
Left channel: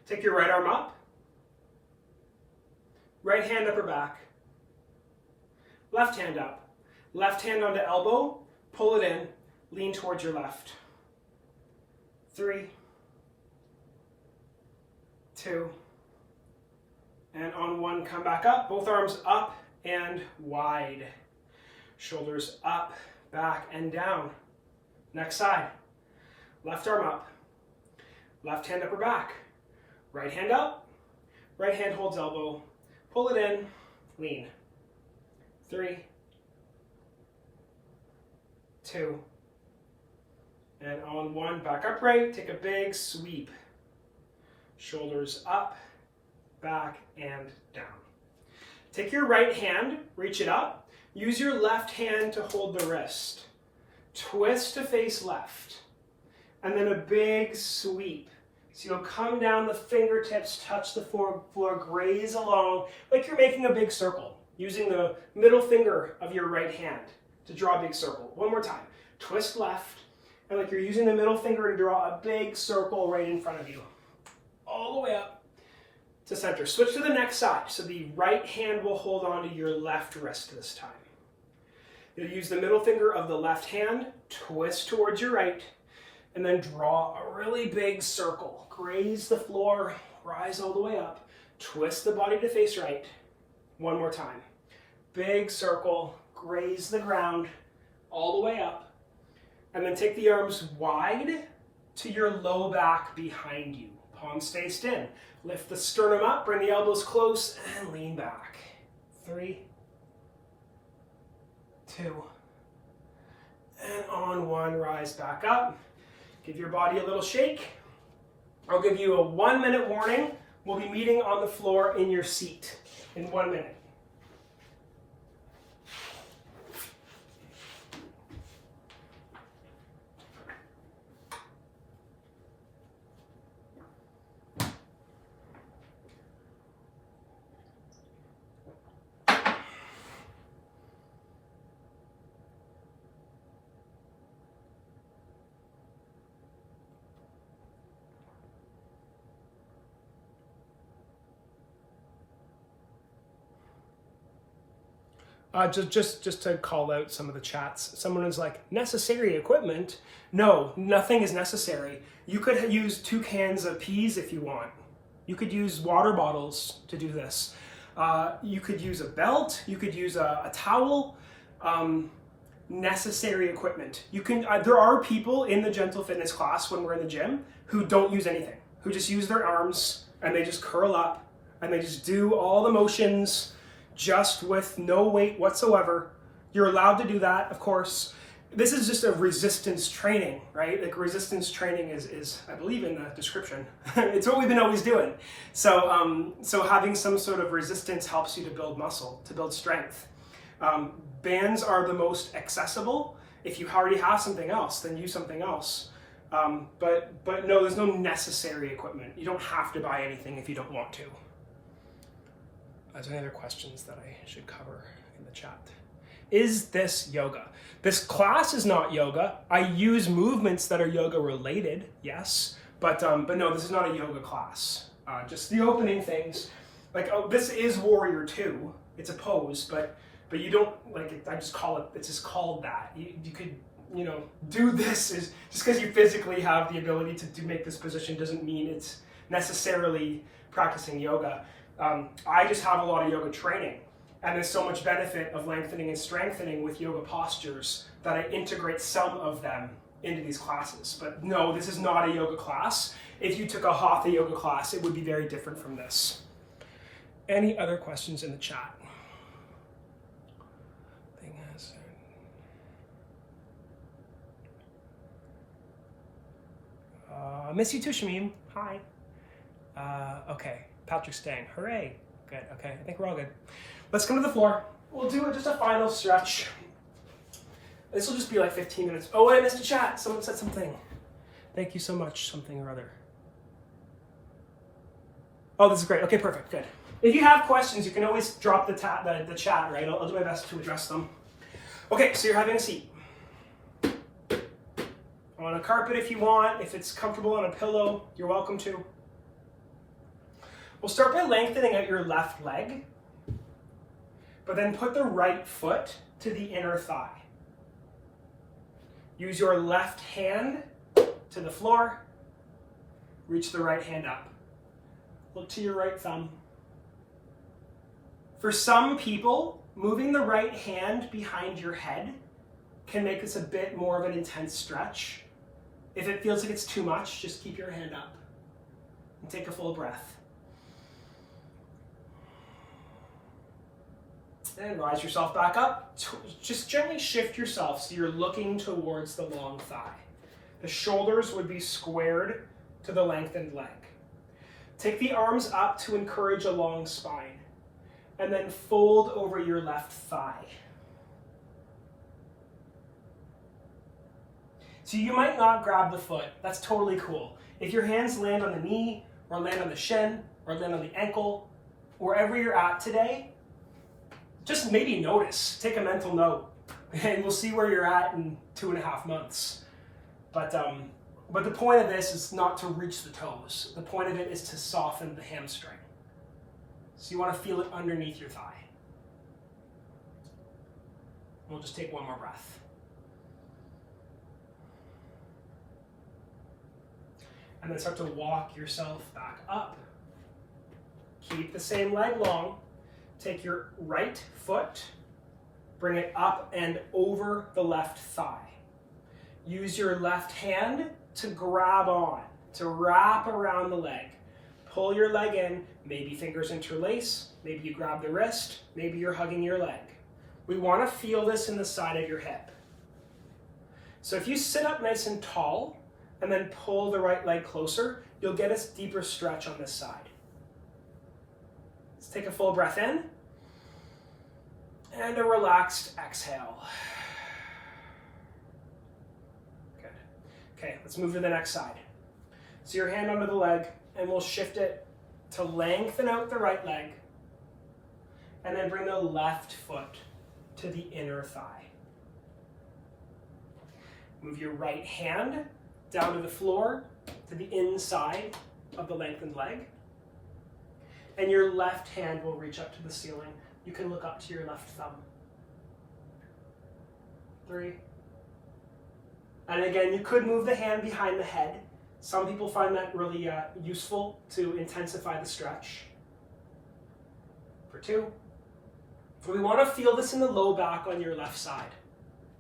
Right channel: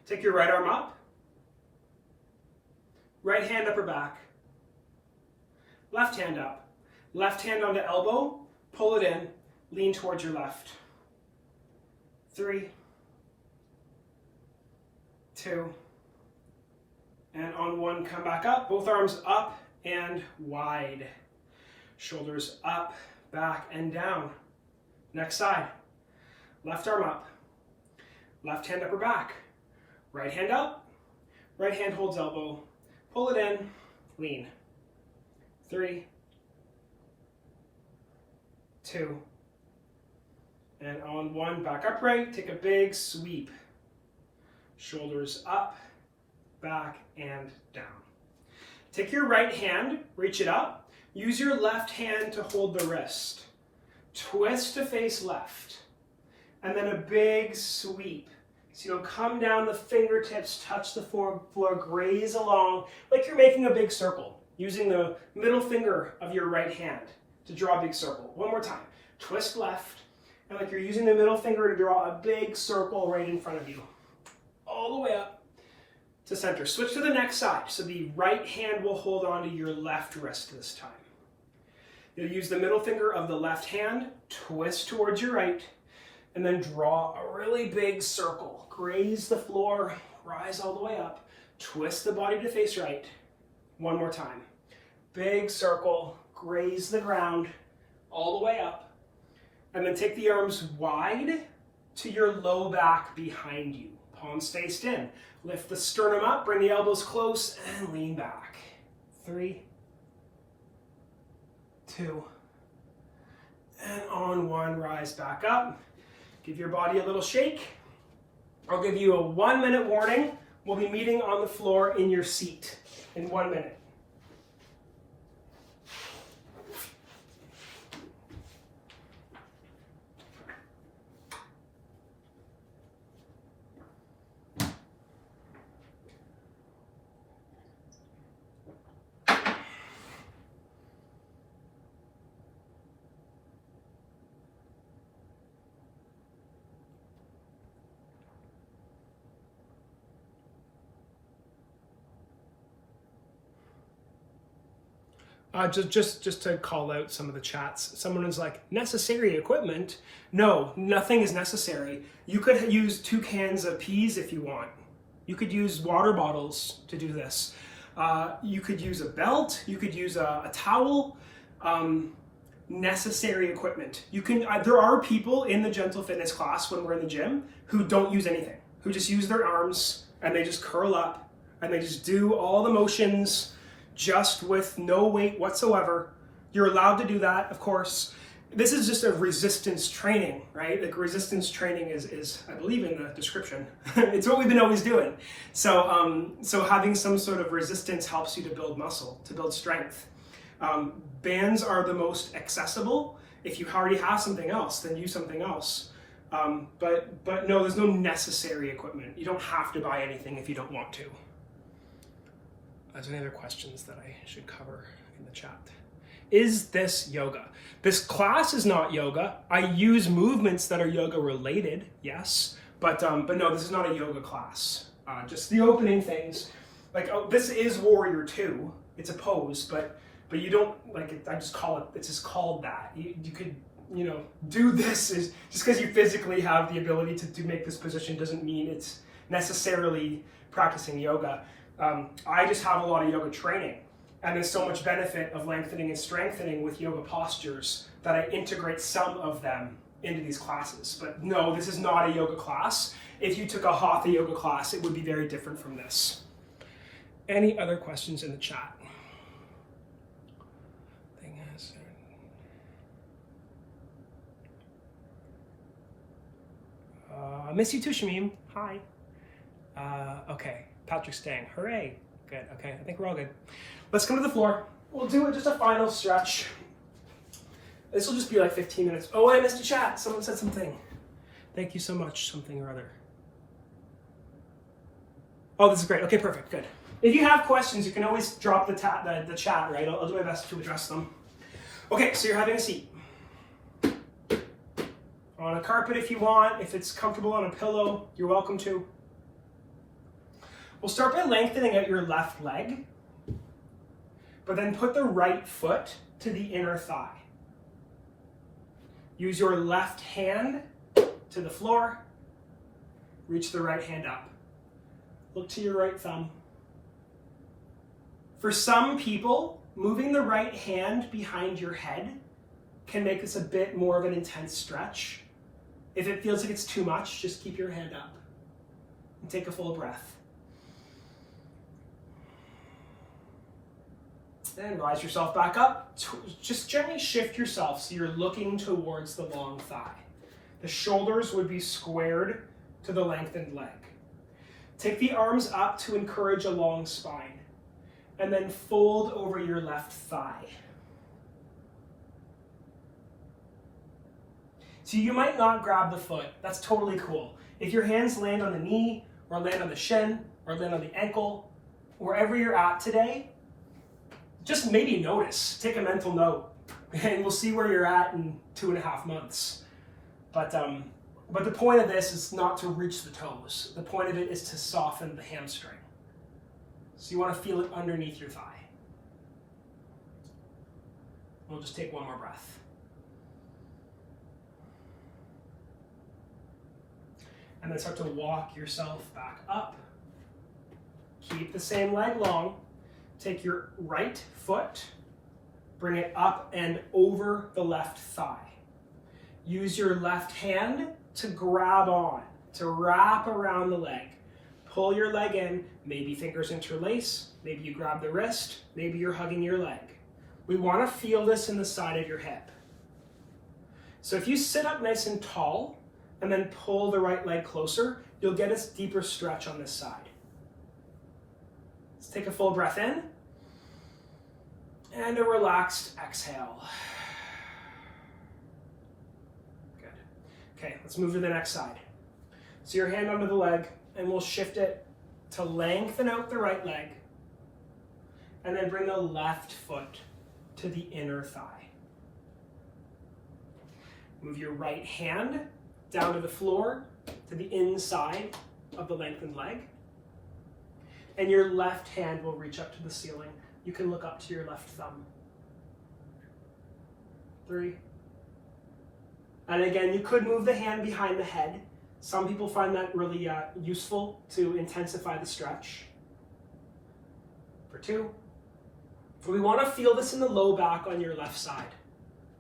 Take your right arm up. Right hand upper back. Left hand up. Left hand onto elbow. Pull it in. Lean towards your left. 3, 2, and on 1, come back up. Both arms up and wide. Shoulders up, back, and down. Next side. Left arm up. Left hand upper back. Right hand up. Right hand holds elbow. Pull it in. Lean. 3, 2, and on 1, back upright, take a big sweep. Shoulders up, back, and down. Take your right hand, reach it up. Use your left hand to hold the wrist. Twist to face left. And then a big sweep. So you'll come down, the fingertips touch the floor, graze along like you're making a big circle, using the middle finger of your right hand to draw a big circle. One more time. Twist left. And like you're using the middle finger to draw a big circle right in front of you. All the way up to center. Switch to the next side. So the right hand will hold on to your left wrist this time. You'll use the middle finger of the left hand, twist towards your right, and then draw a really big circle. Graze the floor, rise all the way up, twist the body to face right. One more time. Big circle, graze the ground all the way up. And then take the arms wide to your low back behind you. Palms faced in. Lift the sternum up, bring the elbows close, and lean back. 3, 2, and on 1, rise back up. Give your body a little shake. I'll give you a 1-minute warning. We'll be meeting on the floor in your seat in 1 minute. Just to call out some of the chats, someone is like, necessary equipment? No, nothing is necessary. You could use 2 cans of peas if you want. You could use water bottles to do this. You could use a belt. You could use a towel. Necessary equipment. You can. There are people in the Gentle Fitness class when we're in the gym who don't use anything, who just use their arms and they just curl up and they just do all the motions just with no weight whatsoever. You're allowed to do that, of course. this is just a resistance training, right? Like resistance training is I believe in the description. It's what we've been always doing. So, so having some sort of resistance helps you to build muscle, to build strength. Bands are the most accessible. If you already have something else, then use something else. But no, there's no necessary equipment. You don't have to buy anything if you don't want to. Are there any other questions that I should cover in the chat? Is this yoga? This class is not yoga. I use movements that are yoga related, yes, but no, this is not a yoga class. Just the opening things. Like, oh, this is Warrior 2. It's a pose, but you don't, like, I just call it, it's just called that. You could, do this is, just because you physically have the ability to make this position doesn't mean it's necessarily practicing yoga. I just have a lot of yoga training, and there's so much benefit of lengthening and strengthening with yoga postures that I integrate some of them into these classes. But no, this is not a yoga class. If you took a Hatha yoga class, it would be very different from this. Any other questions in the chat? Miss you too, Shamim. Hi. Okay, Patrick's staying. Hooray. Good, okay, I think we're all good. Let's come to the floor. We'll do just a final stretch. This will just be like 15 minutes. Oh, I missed a chat. Someone said something. Thank you so much, something or other. Oh, this is great. Okay, perfect, good. If you have questions, you can always drop the chat, right? I'll do my best to address them. Okay, so you're having a seat. On a carpet if you want. If it's comfortable on a pillow, you're welcome to. We'll start by lengthening out your left leg, but then put the right foot to the inner thigh. Use your left hand to the floor. Reach the right hand up. Look to your right thumb. For some people, moving the right hand behind your head can make this a bit more of an intense stretch. If it feels like it's too much, just keep your hand up and take a full breath. And rise yourself back up. Just gently shift yourself so you're looking towards the long thigh. The shoulders would be squared to the lengthened leg. Take the arms up to encourage a long spine, and then fold over your left thigh. So you might not grab the foot. That's totally cool. If your hands land on the knee, or land on the shin, or land on the ankle, wherever you're at today, just maybe notice, take a mental note, and we'll see where you're at in 2.5 months. But the point of this is not to reach the toes. The point of it is to soften the hamstring. So you want to feel it underneath your thigh. We'll just take one more breath. And then start to walk yourself back up. Keep the same leg long. Take your right foot, bring it up and over the left thigh. Use your left hand to grab on, to wrap around the leg. Pull your leg in, maybe fingers interlace, maybe you grab the wrist, maybe you're hugging your leg. We want to feel this in the side of your hip. So if you sit up nice and tall and then pull the right leg closer, you'll get a deeper stretch on this side. Let's take a full breath in and a relaxed exhale. Good. Okay, let's move to the next side. So your hand under the leg, and we'll shift it to lengthen out the right leg, and then bring the left foot to the inner thigh. Move your right hand down to the floor, to the inside of the lengthened leg, and your left hand will reach up to the ceiling. You can look up to your left thumb. 3. And again, you could move the hand behind the head. Some people find that really useful to intensify the stretch. For 2. We want to feel this in the low back on your left side.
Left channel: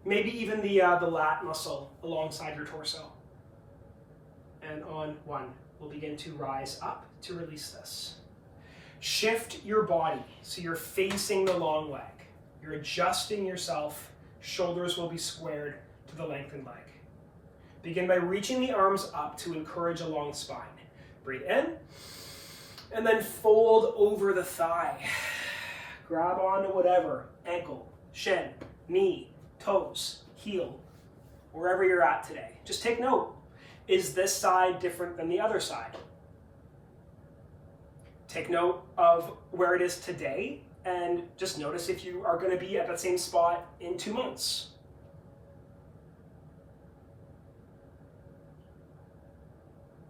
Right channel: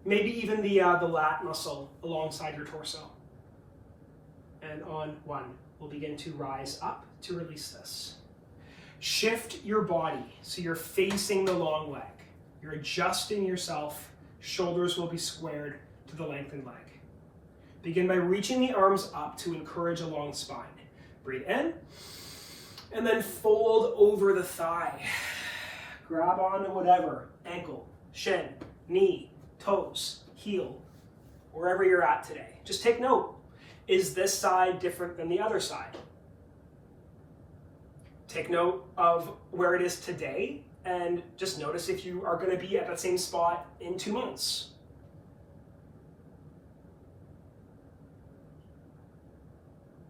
Maybe even the lat muscle alongside your torso. And on 1, we'll begin to rise up to release this. Shift your body so you're facing the long leg. You're adjusting yourself. Shoulders will be squared. to the lengthened leg. Begin by reaching the arms up to encourage a long spine. Breathe in, and then fold over the thigh. Grab onto whatever, ankle, shin, knee, toes, heel, wherever you're at today. Just take note, is this side different than the other side? Take note of where it is today, and just notice if you are going to be at that same spot in 2 months.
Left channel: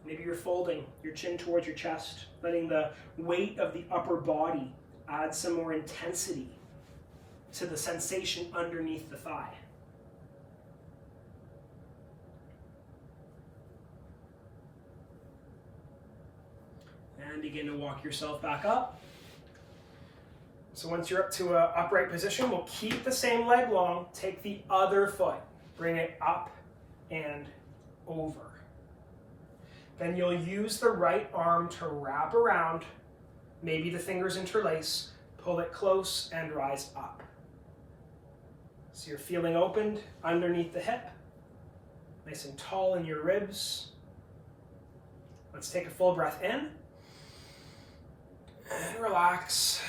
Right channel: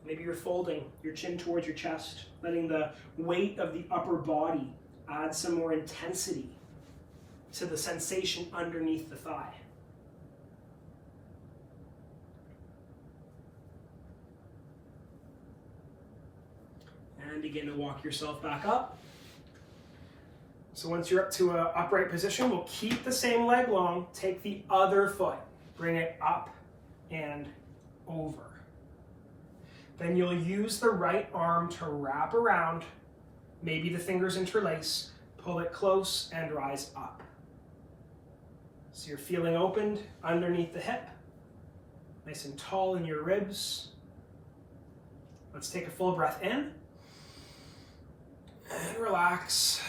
Maybe you're folding your chin towards your chest, letting the weight of the upper body add some more intensity to the sensation underneath the thigh. And begin to walk yourself back up. So once you're up to an upright position, we'll keep the same leg long, take the other foot, bring it up and over. Then you'll use the right arm to wrap around, maybe the fingers interlace, pull it close and rise up. So you're feeling opened underneath the hip, nice and tall in your ribs. Let's take a full breath in and relax.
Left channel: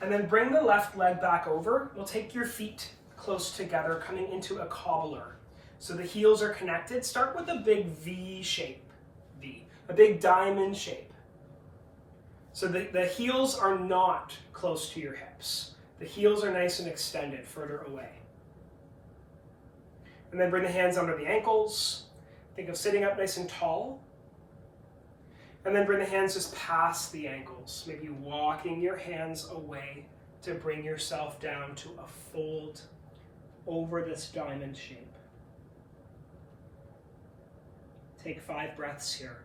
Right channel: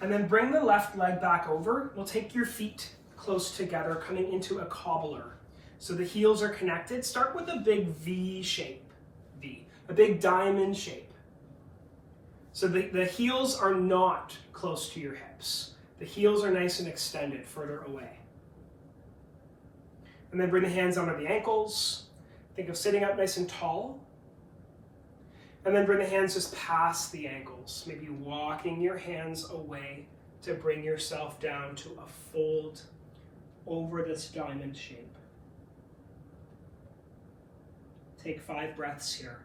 And then bring the left leg back over. You'll take your feet close together, coming into a cobbler. So the heels are connected. Start with a big V shape, a big diamond shape. So the heels are not close to your hips. The heels are nice and extended further away. And then bring the hands under the ankles. Think of sitting up nice and tall. And then bring the hands just past the ankles, maybe walking your hands away to bring yourself down to a fold over this diamond shape. Take 5 breaths here.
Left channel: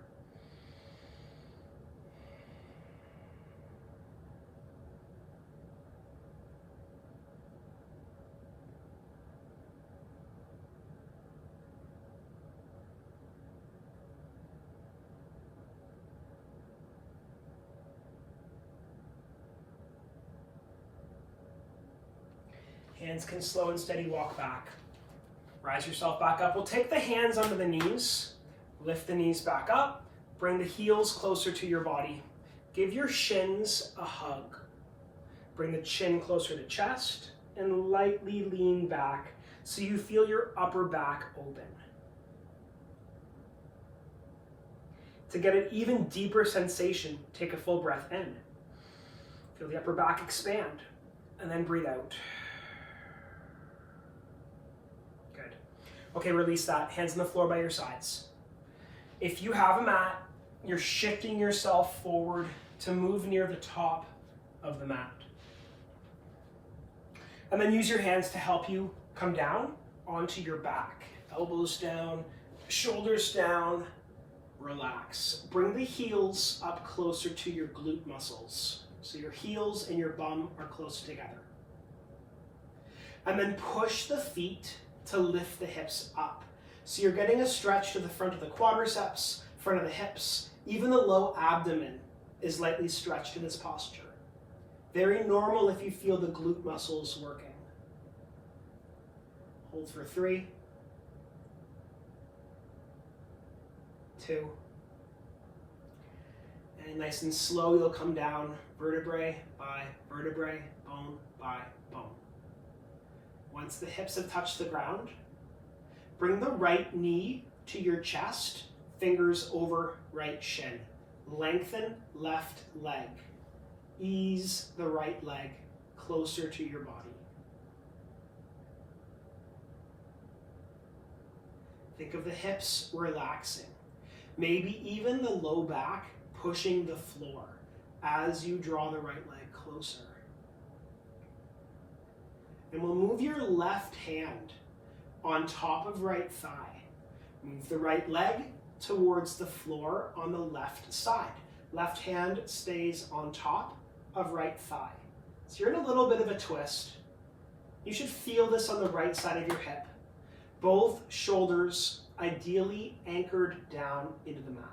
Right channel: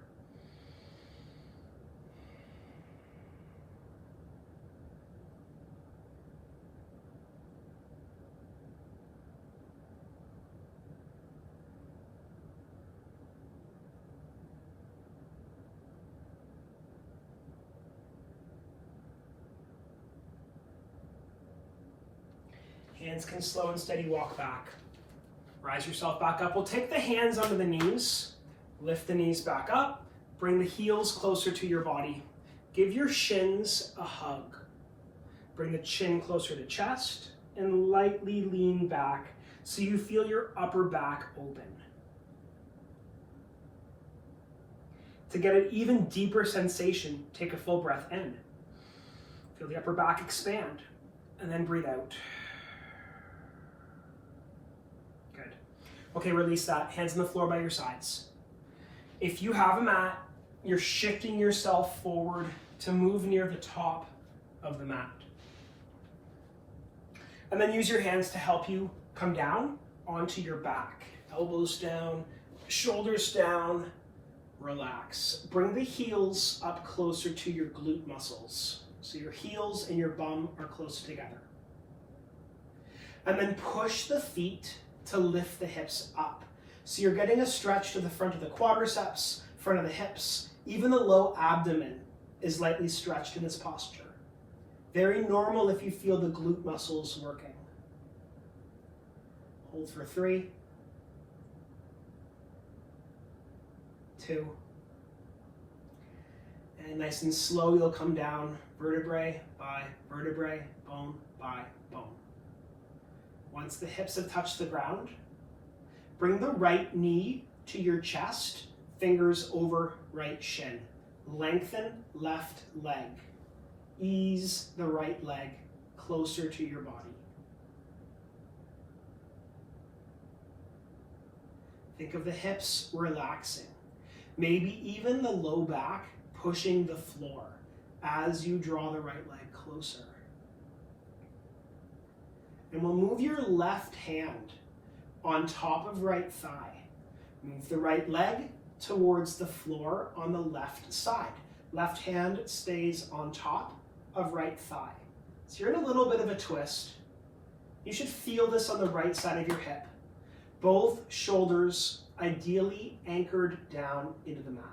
Hands can slow and steady walk back. Rise yourself back up. We'll take the hands onto the knees. Lift the knees back up. Bring the heels closer to your body. Give your shins a hug. Bring the chin closer to chest and lightly lean back so you feel your upper back open. To get an even deeper sensation, take a full breath in. Feel the upper back expand and then breathe out. Good. Okay, release that. Hands on the floor by your sides. If you have a mat, you're shifting yourself forward to move near the top of the mat. And then use your hands to help you come down onto your back. Elbows down, shoulders down, relax. Bring the heels up closer to your glute muscles. So your heels and your bum are close together. And then push the feet to lift the hips up. So you're getting a stretch to the front of the quadriceps, front of the hips. Even the low abdomen is lightly stretched in this posture. Very normal if you feel the glute muscles working. Hold for 3, 2, and nice and slow you'll come down vertebrae by vertebrae, bone by bone. Once the hips have touched the ground, bring the right knee to your chest, fingers over right shin. Lengthen left leg. Ease the right leg closer to your body. Think of the hips relaxing. Maybe even the low back pushing the floor as you draw the right leg closer. And we'll move your left hand on top of right thigh. Move the right leg towards the floor on the left side. Left hand stays on top of right thigh. So you're in a little bit of a twist. You should feel this on the right side of your hip. Both shoulders ideally anchored down into the mat.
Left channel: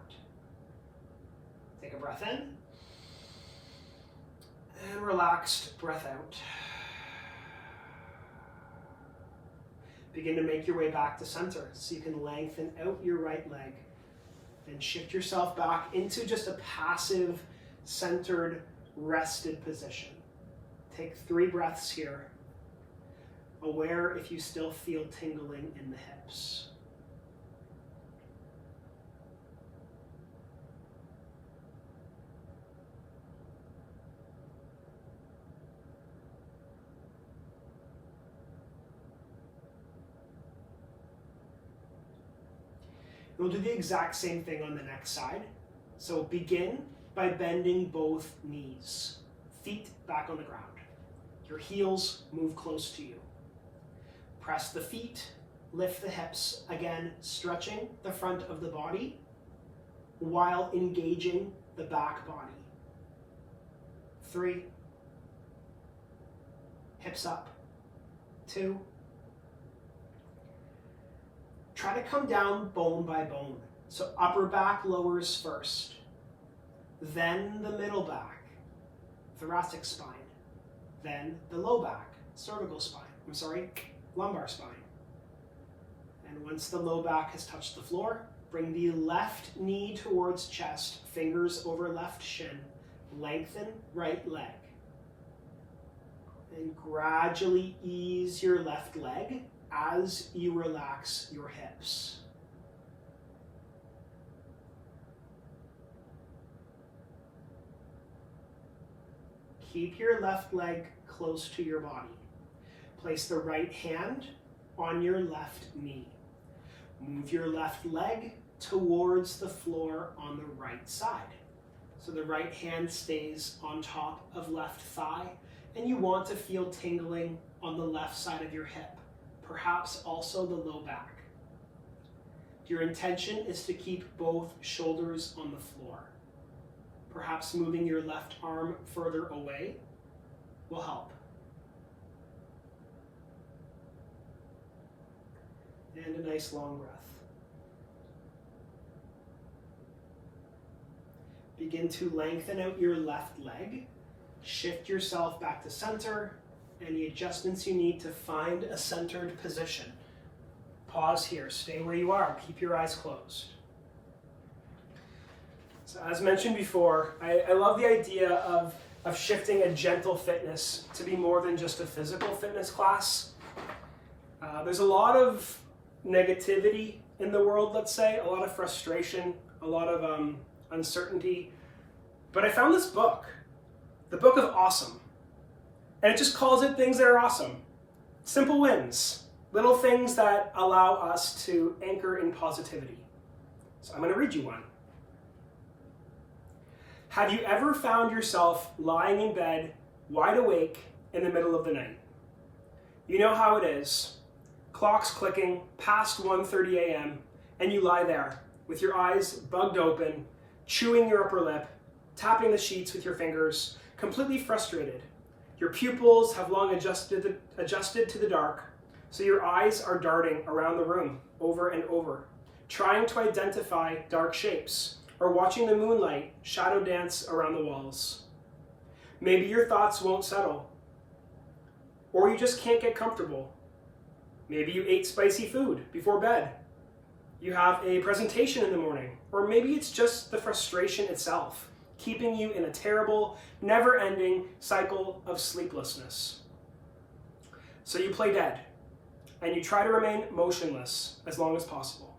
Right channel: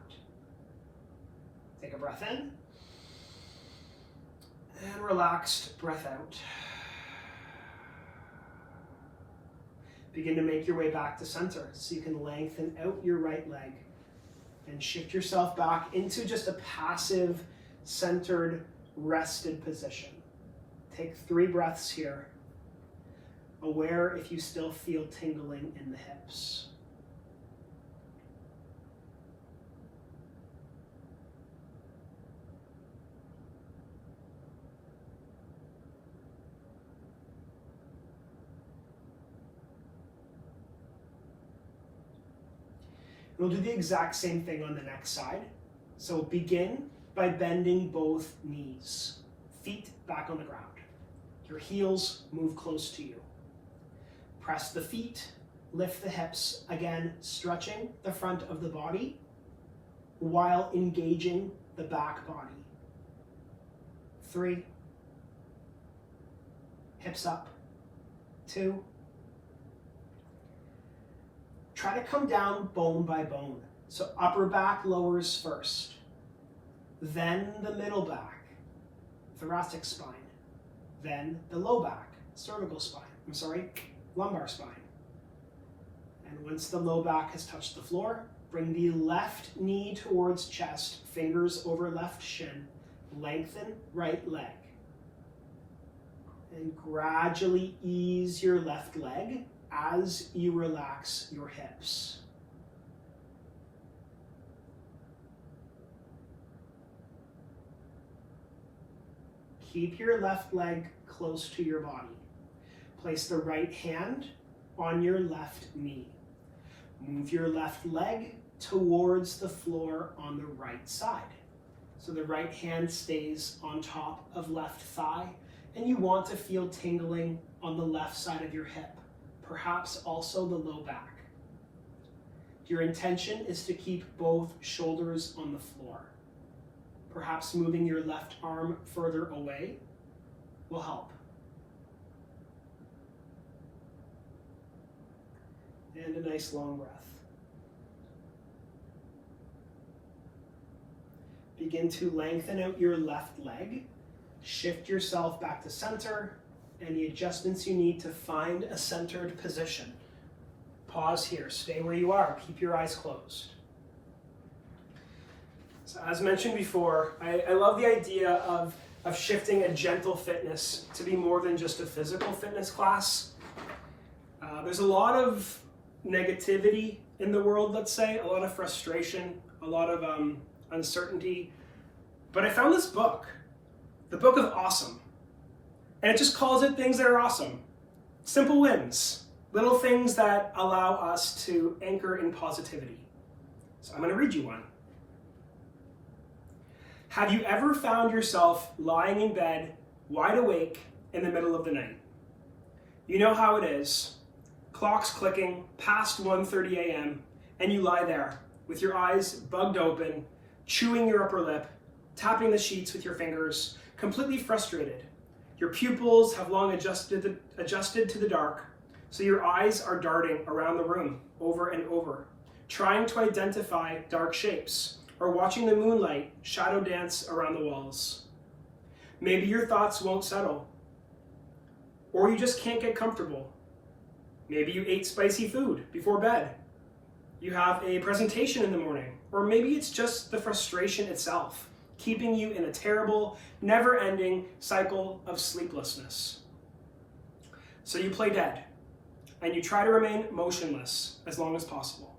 Take a breath in and relaxed breath out. Begin to make your way back to center so you can lengthen out your right leg and shift yourself back into just a passive, centered, rested position. Take 3 breaths here, aware if you still feel tingling in the hips. We'll do the exact same thing on the next side. So begin by bending both knees, feet back on the ground. Your heels move close to you. Press the feet, lift the hips, again stretching the front of the body while engaging the back body. 3, hips up, 2. Try to come down bone by bone. So upper back lowers first, then the middle back, thoracic spine, then the low back, lumbar spine. And once the low back has touched the floor, bring the left knee towards chest, fingers over left shin, lengthen right leg. And gradually ease your left leg as you relax your hips. Keep your left leg close to your body. Place the right hand on your left knee. Move your left leg towards the floor on the right side. So the right hand stays on top of left thigh, and you want to feel tingling on the left side of your hip, perhaps also the low back. Your intention is to keep both shoulders on the floor. Perhaps moving your left arm further away will help. And a nice long breath. Begin to lengthen out your left leg. Shift yourself back to center. Any adjustments you need to find a centered position. Pause here, stay where you are, keep your eyes closed. So as mentioned before, I love the idea of shifting a gentle fitness to be more than just a physical fitness class. There's a lot of negativity in the world, let's say, a lot of frustration, a lot of uncertainty. But I found this book, the Book of Awesome. And it just calls it things that are awesome. Simple wins, little things that allow us to anchor in positivity. So I'm going to read you one. Have you ever found yourself lying in bed, wide awake, in the middle of the night? You know how it is. Clock's clicking past 1:30 a.m., and you lie there with your eyes bugged open, chewing your upper lip, tapping the sheets with your fingers, completely frustrated. Your pupils have long adjusted to the dark, so your eyes are darting around the room over and over, trying to identify dark shapes, or watching the moonlight shadow dance around the walls. Maybe your thoughts won't settle, or you just can't get comfortable. Maybe you ate spicy food before bed. You have a presentation in the morning, or maybe it's just the frustration itself, keeping you in a terrible, never-ending cycle of sleeplessness. So you play dead, and you try to remain motionless as long as possible.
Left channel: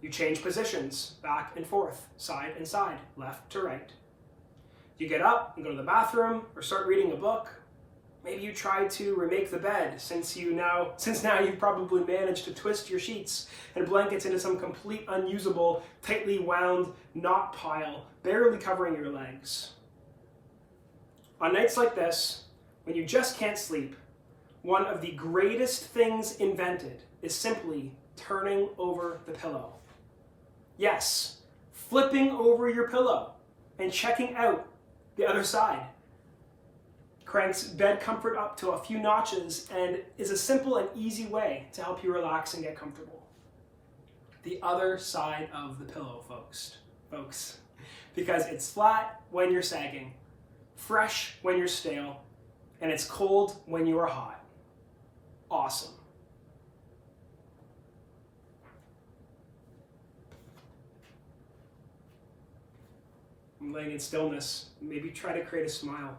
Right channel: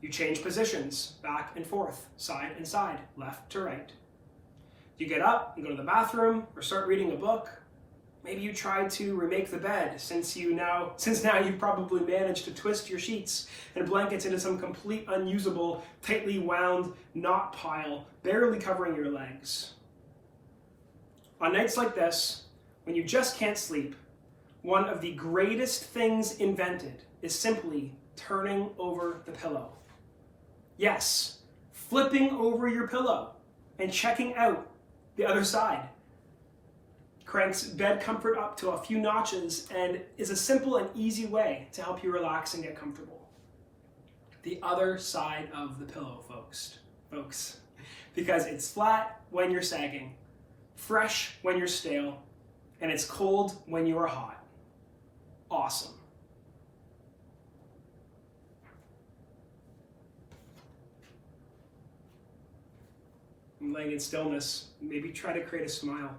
You change positions, back and forth, side and side, left to right. You get up and go to the bathroom, or start reading a book. Maybe you try to remake the bed, since now you've probably managed to twist your sheets and blankets into some complete unusable, tightly wound knot pile, barely covering your legs. On nights like this, when you just can't sleep, one of the greatest things invented is simply turning over the pillow. Yes, flipping over your pillow and checking out the other side. Cranks bed comfort up to a few notches and is a simple and easy way to help you relax and get comfortable. The other side of the pillow, folks. Because it's flat when you're sagging, fresh when you're stale, and it's cold when you are hot. Awesome. laying in stillness, maybe try to create a smile.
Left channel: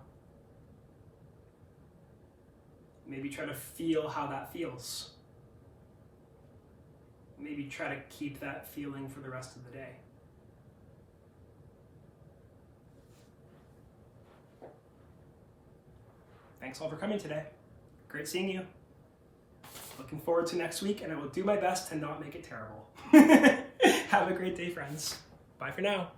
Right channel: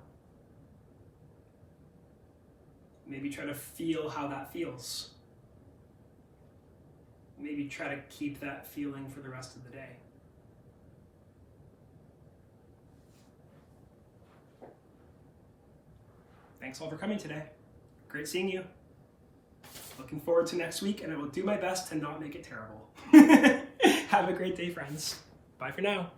Maybe try to feel how that feels. Maybe try to keep that feeling for the rest of the day. Thanks all for coming today. Great seeing you. Looking forward to next week, and I will do my best to not make it terrible. Have a great day, friends. Bye for now.